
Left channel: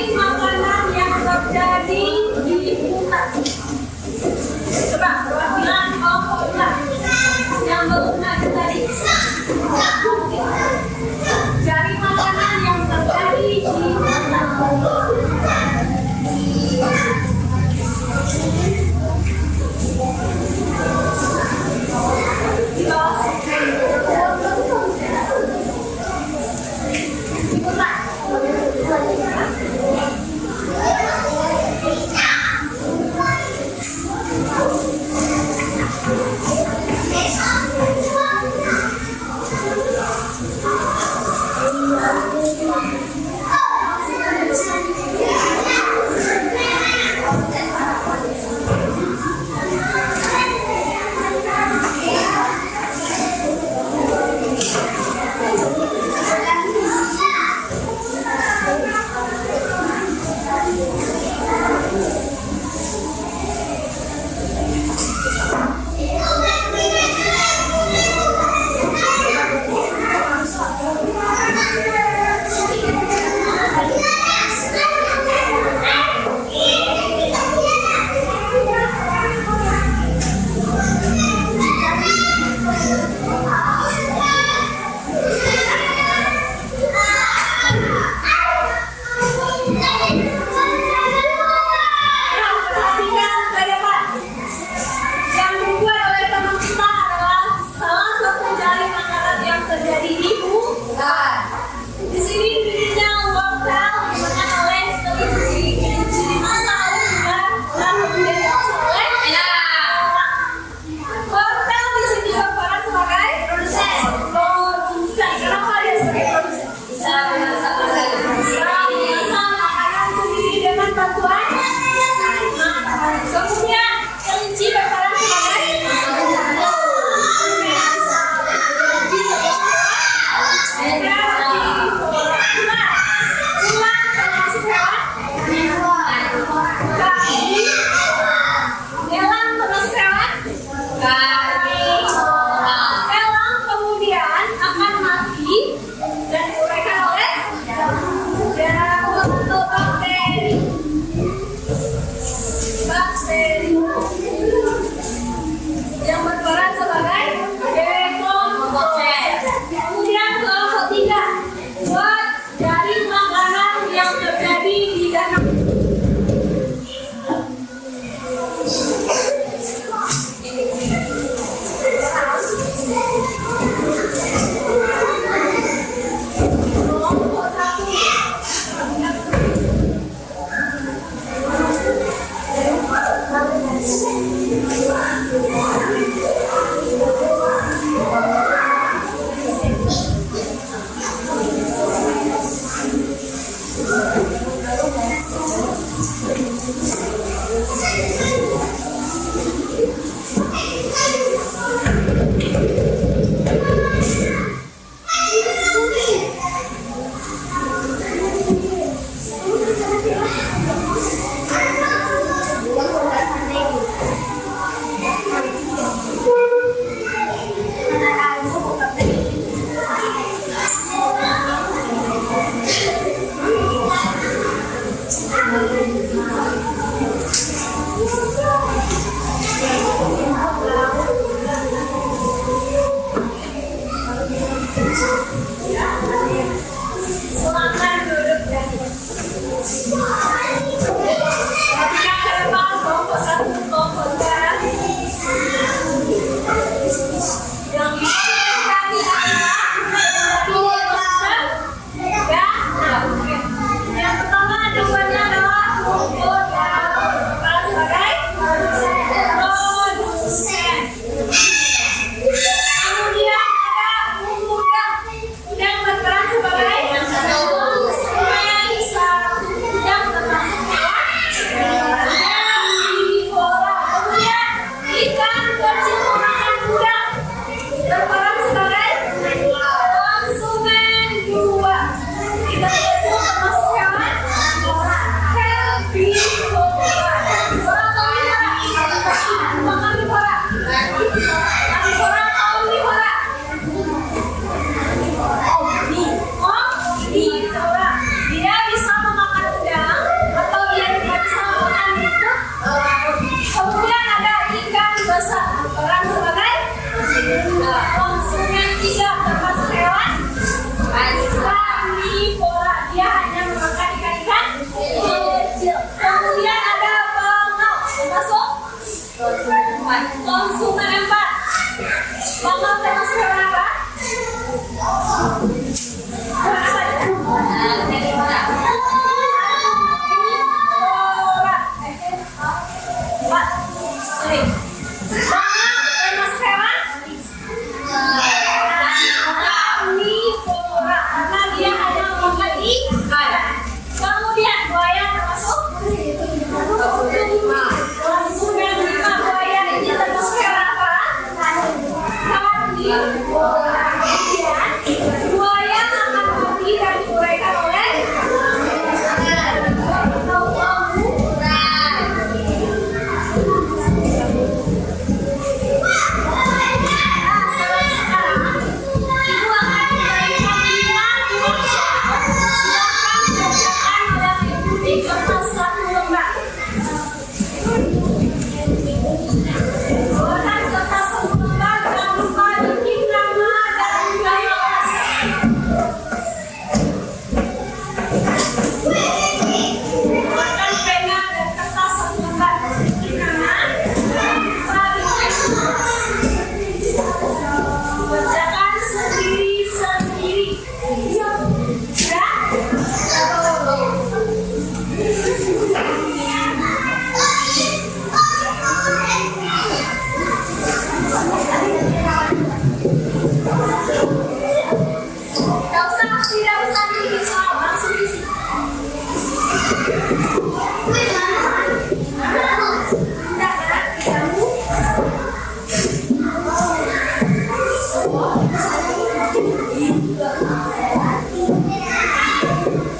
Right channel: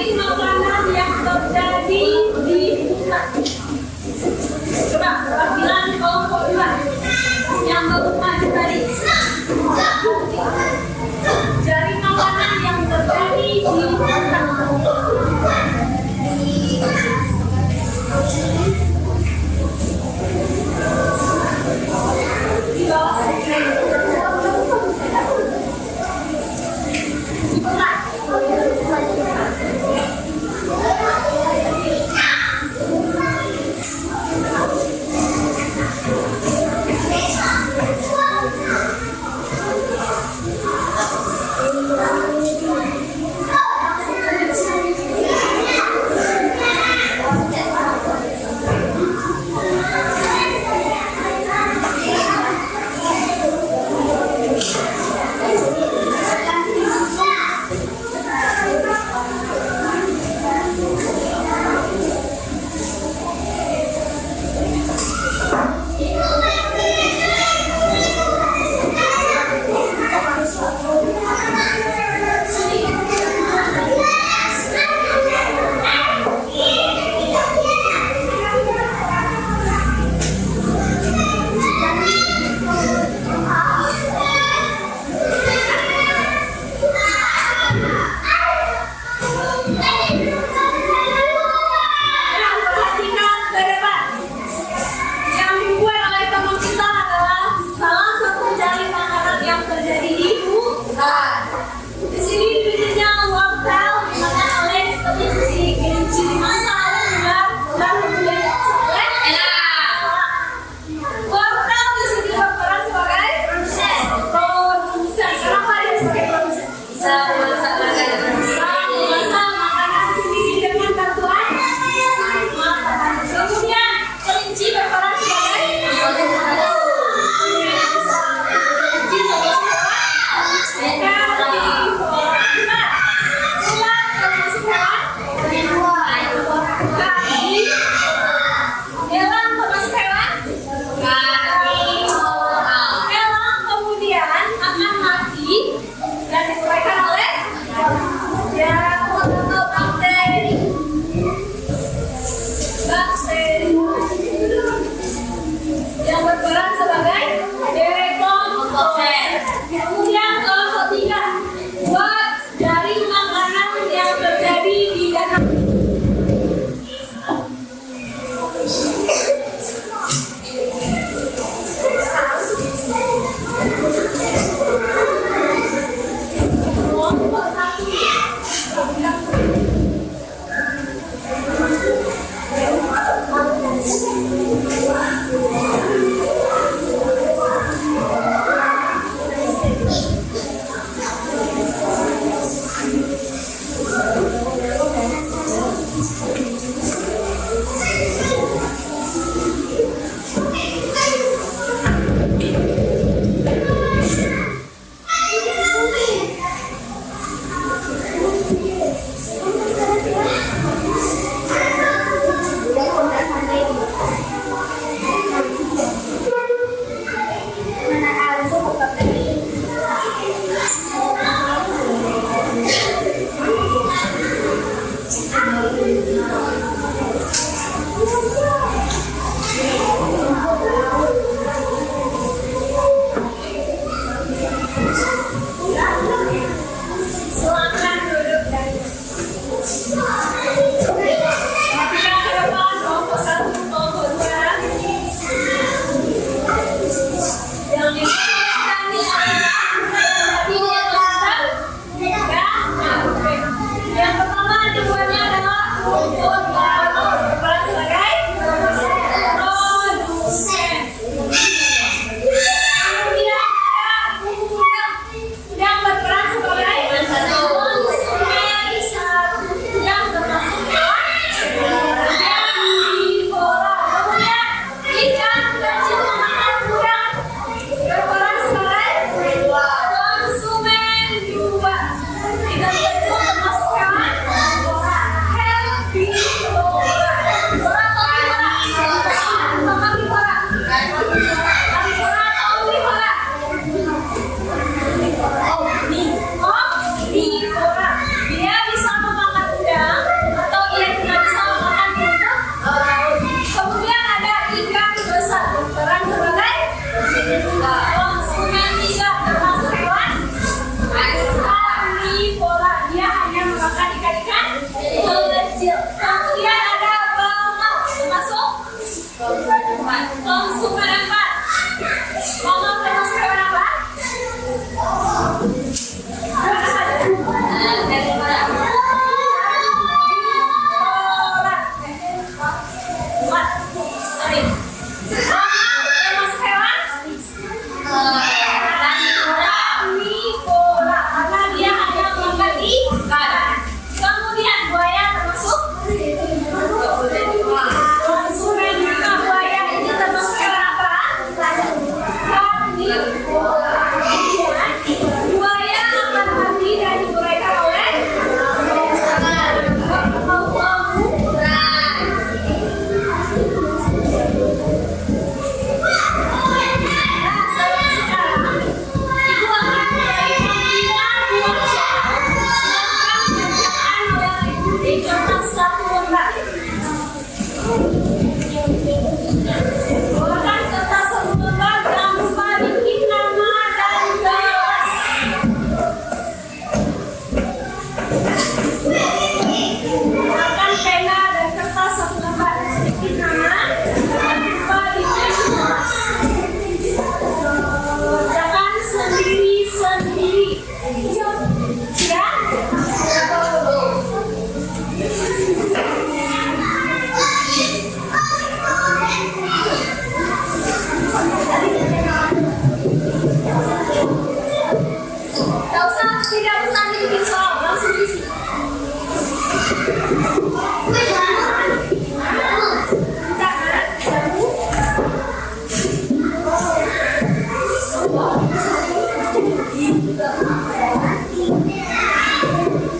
Cari makanan yang terjadi di hutan. Coba perwakilan kelompok 2 yang belum maju tadi. Cari makanan yang terjadi di hutan. Di bawah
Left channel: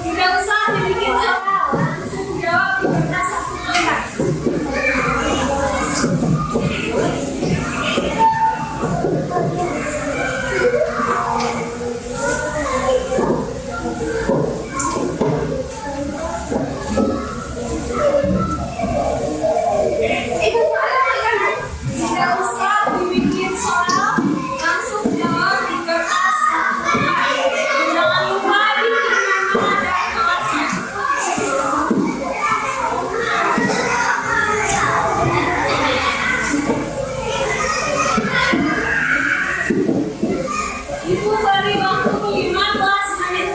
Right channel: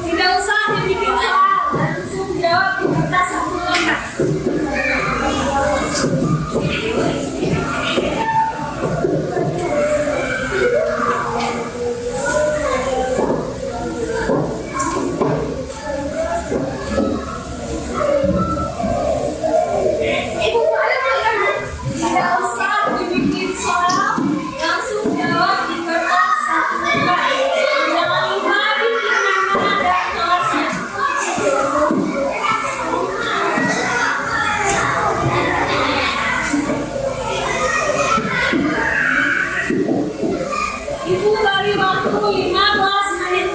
Tidak usah dibikin soal, langsung jawab di kertas satu kotak. Tidak usah dibikin soal, langsung jawab di kertas satu kotak. Jangan lupa bikin nama dan kelasnya. Ibu beri waktu 15 menit.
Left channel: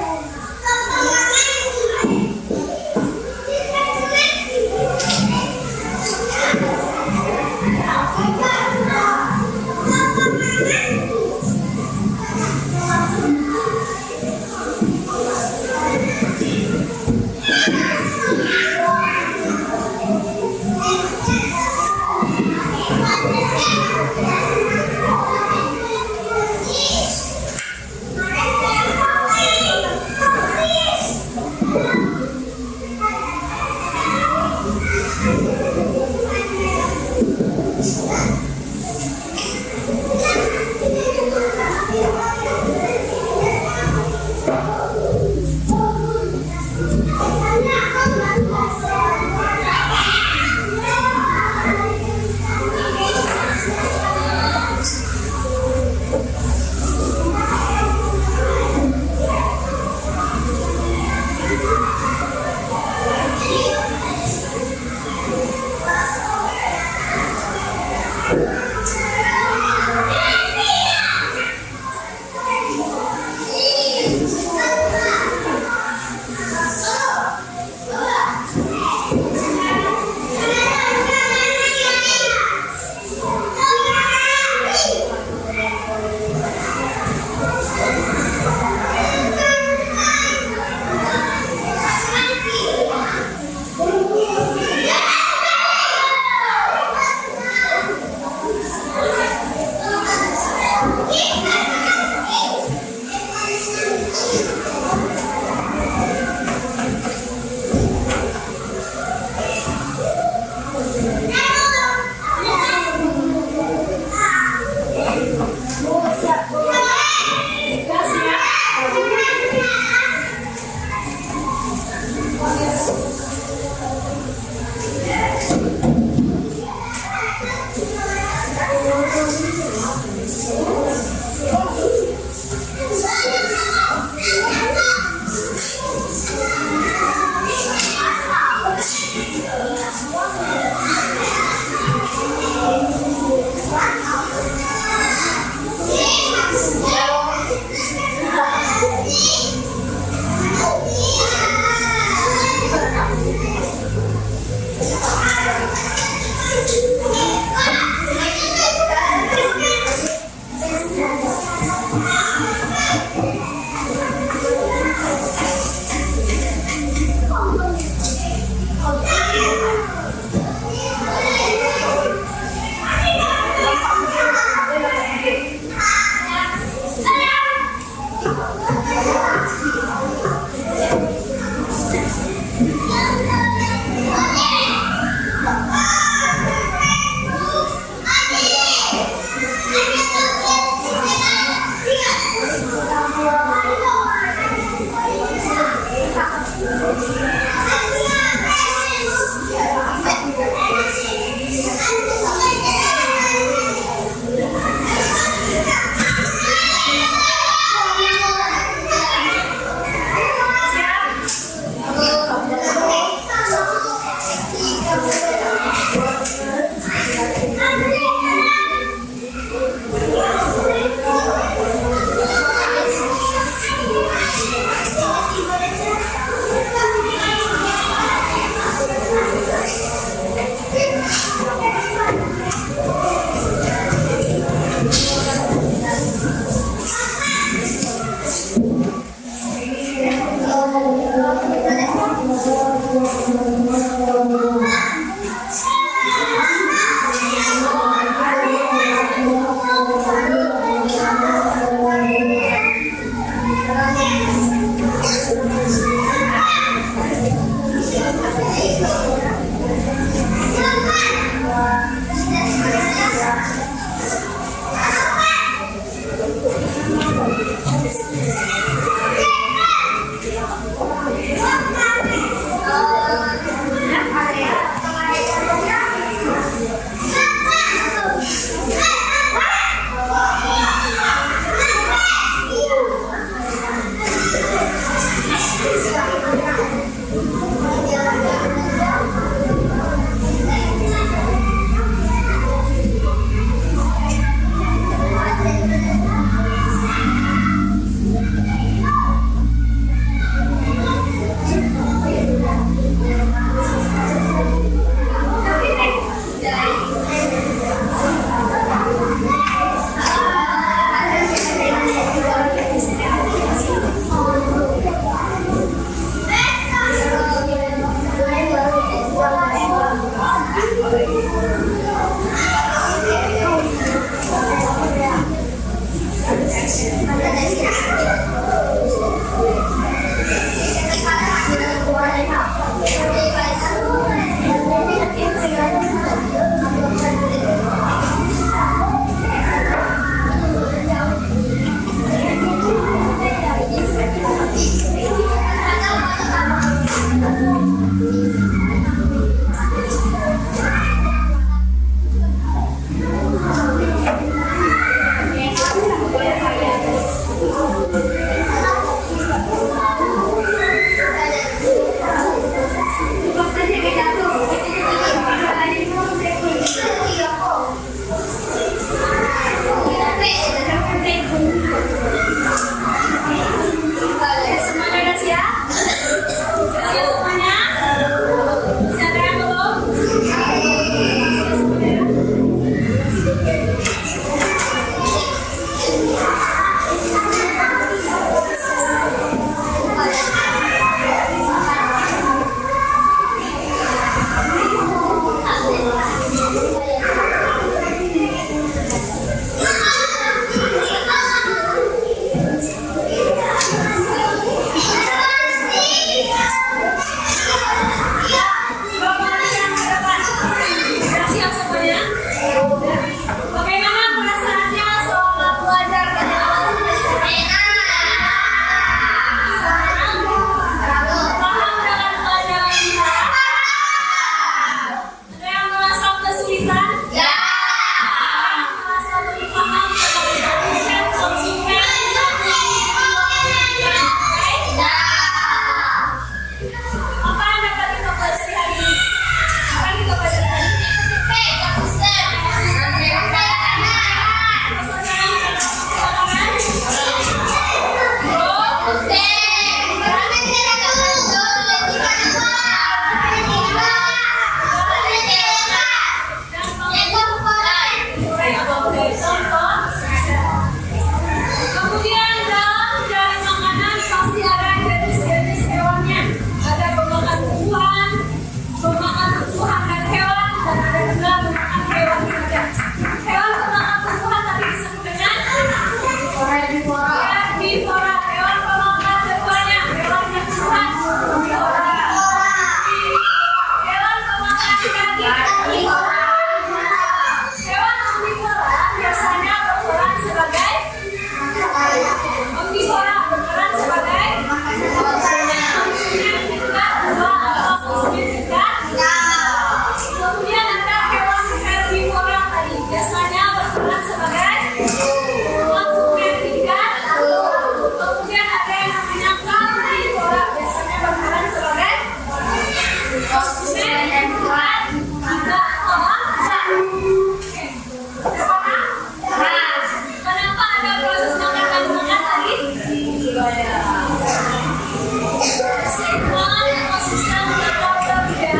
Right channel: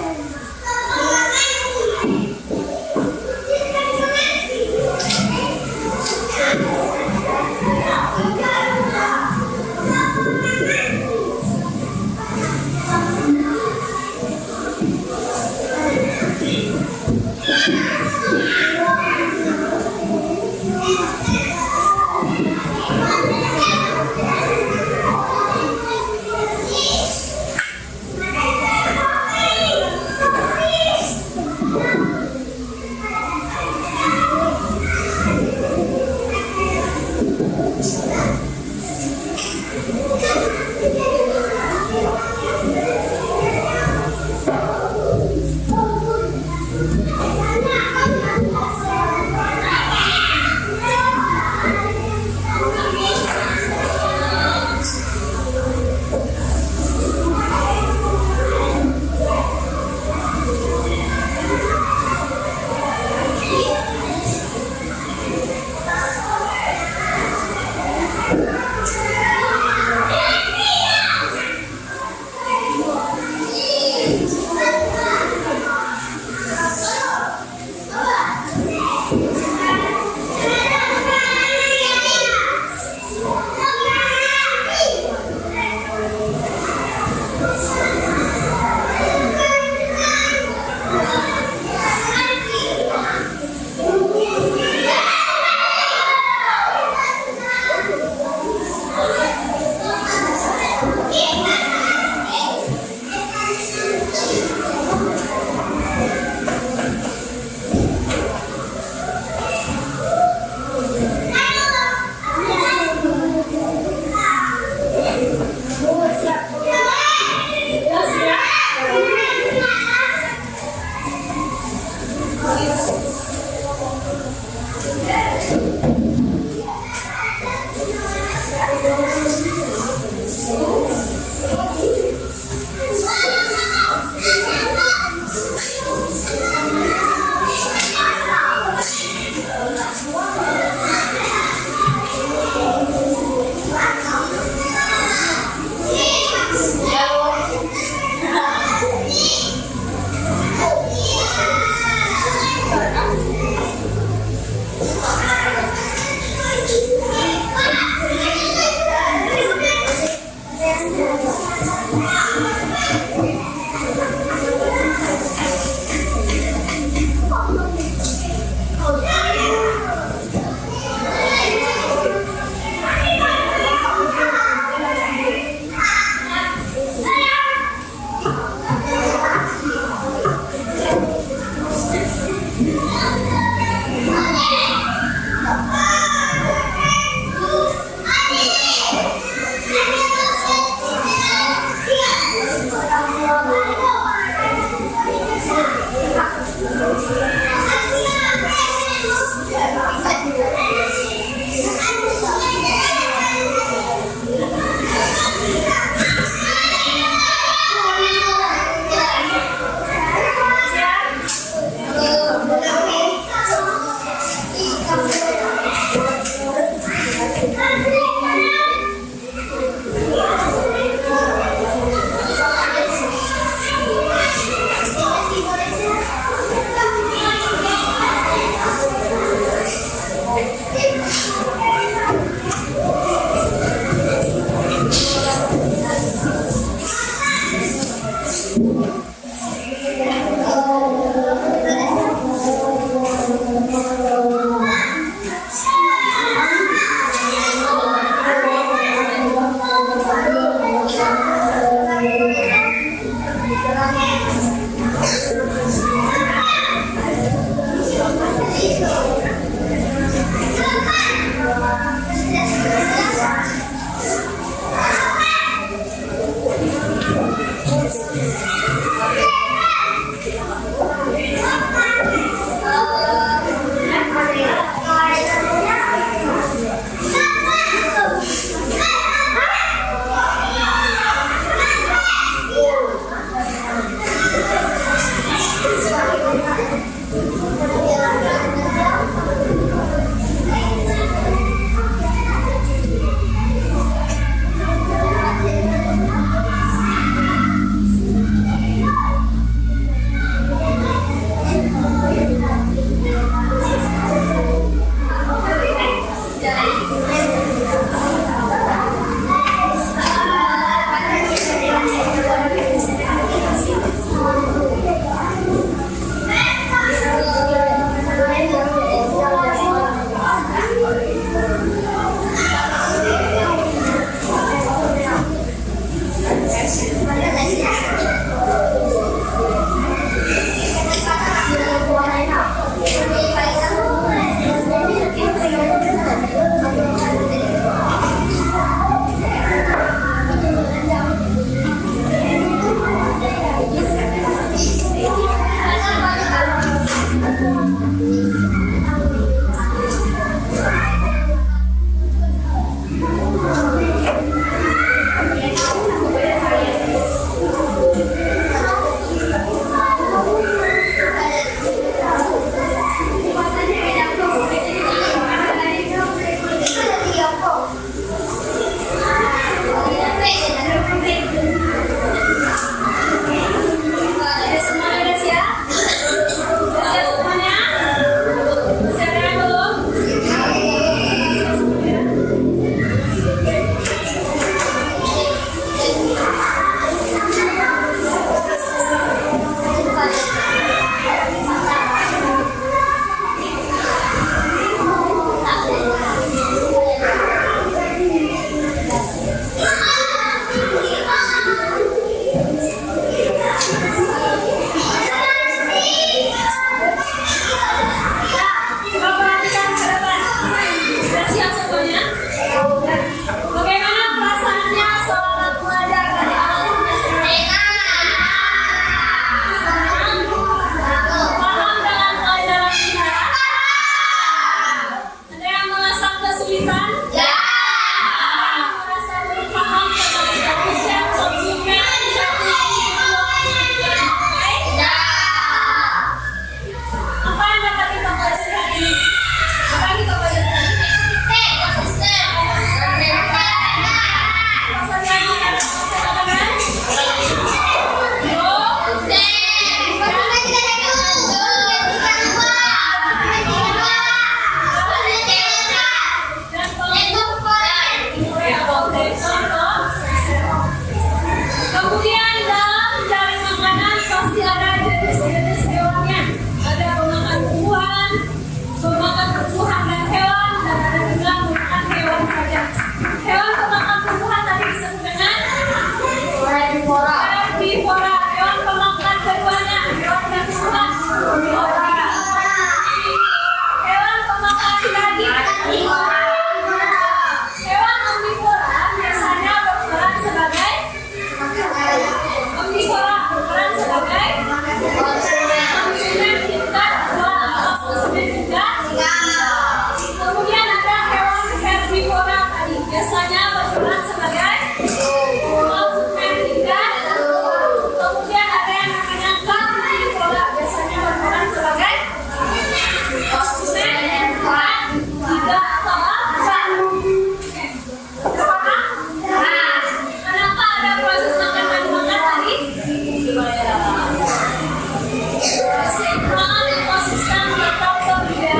sistem atau kerja.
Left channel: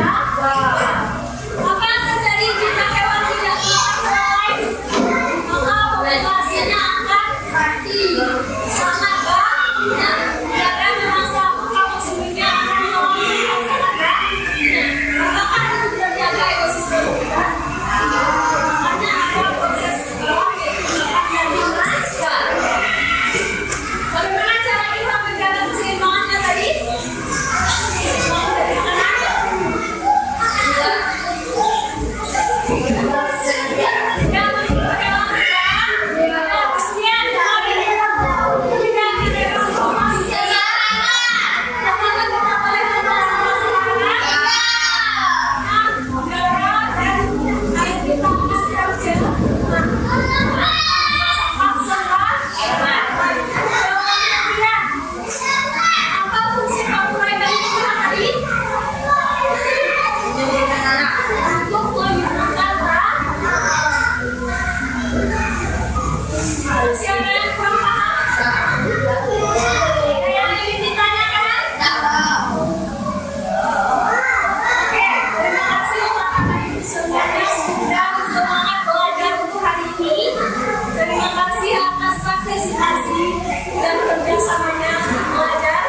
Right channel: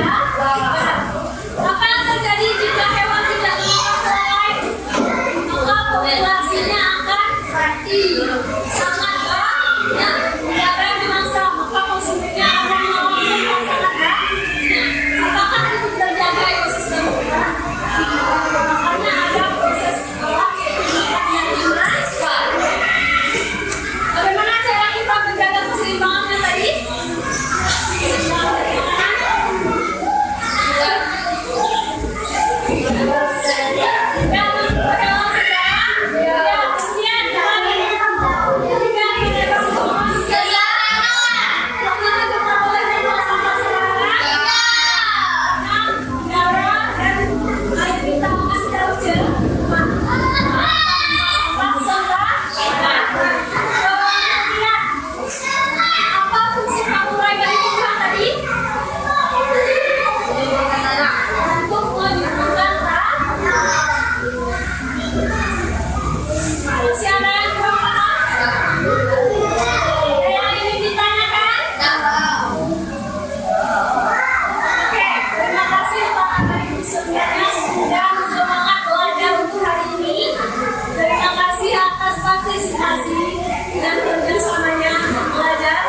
Apa yang terjadi jika hewan tidak memakan hewan lain? Maka populasinya akan mati. Sangat banyak. Karena memang maka konsumennya akan mengalami masalah. Apakah itu terjaga ekosistem kita? Makanya ada proses bagaimana cara kita menjaga keseimbangannya tadi? Keseimbangan dari makanan. Apa fungsi samurai dari Tuhan tadi? Untuk menyembuhkan masih ada yang kurang paham? Ada yang ingin ditanyakan? Oke, terima kasih Pak Ibu semuanya sudah semangat belajar untuk hari ini. Terima kasih atas partisipasi dan kerjasamanya belajar.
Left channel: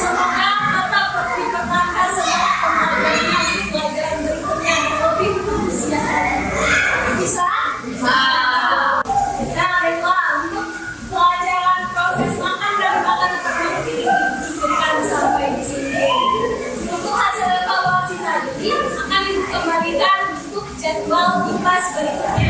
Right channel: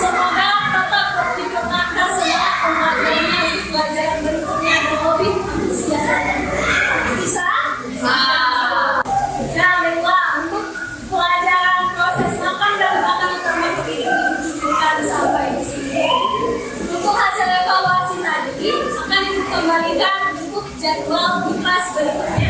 Semoga tetap diperkenalkan semangat pembelajarannya untuk pelajaran berikutnya dan lebih antusias lagi. Bisa? Nah, baiklah, untuk pelajaran proses makan dan makanan ternak ini diberikan sampai di sini. Untuk hasil evaluasi tadi akan dikembalikan untuk jadwal di kelas berikutnya.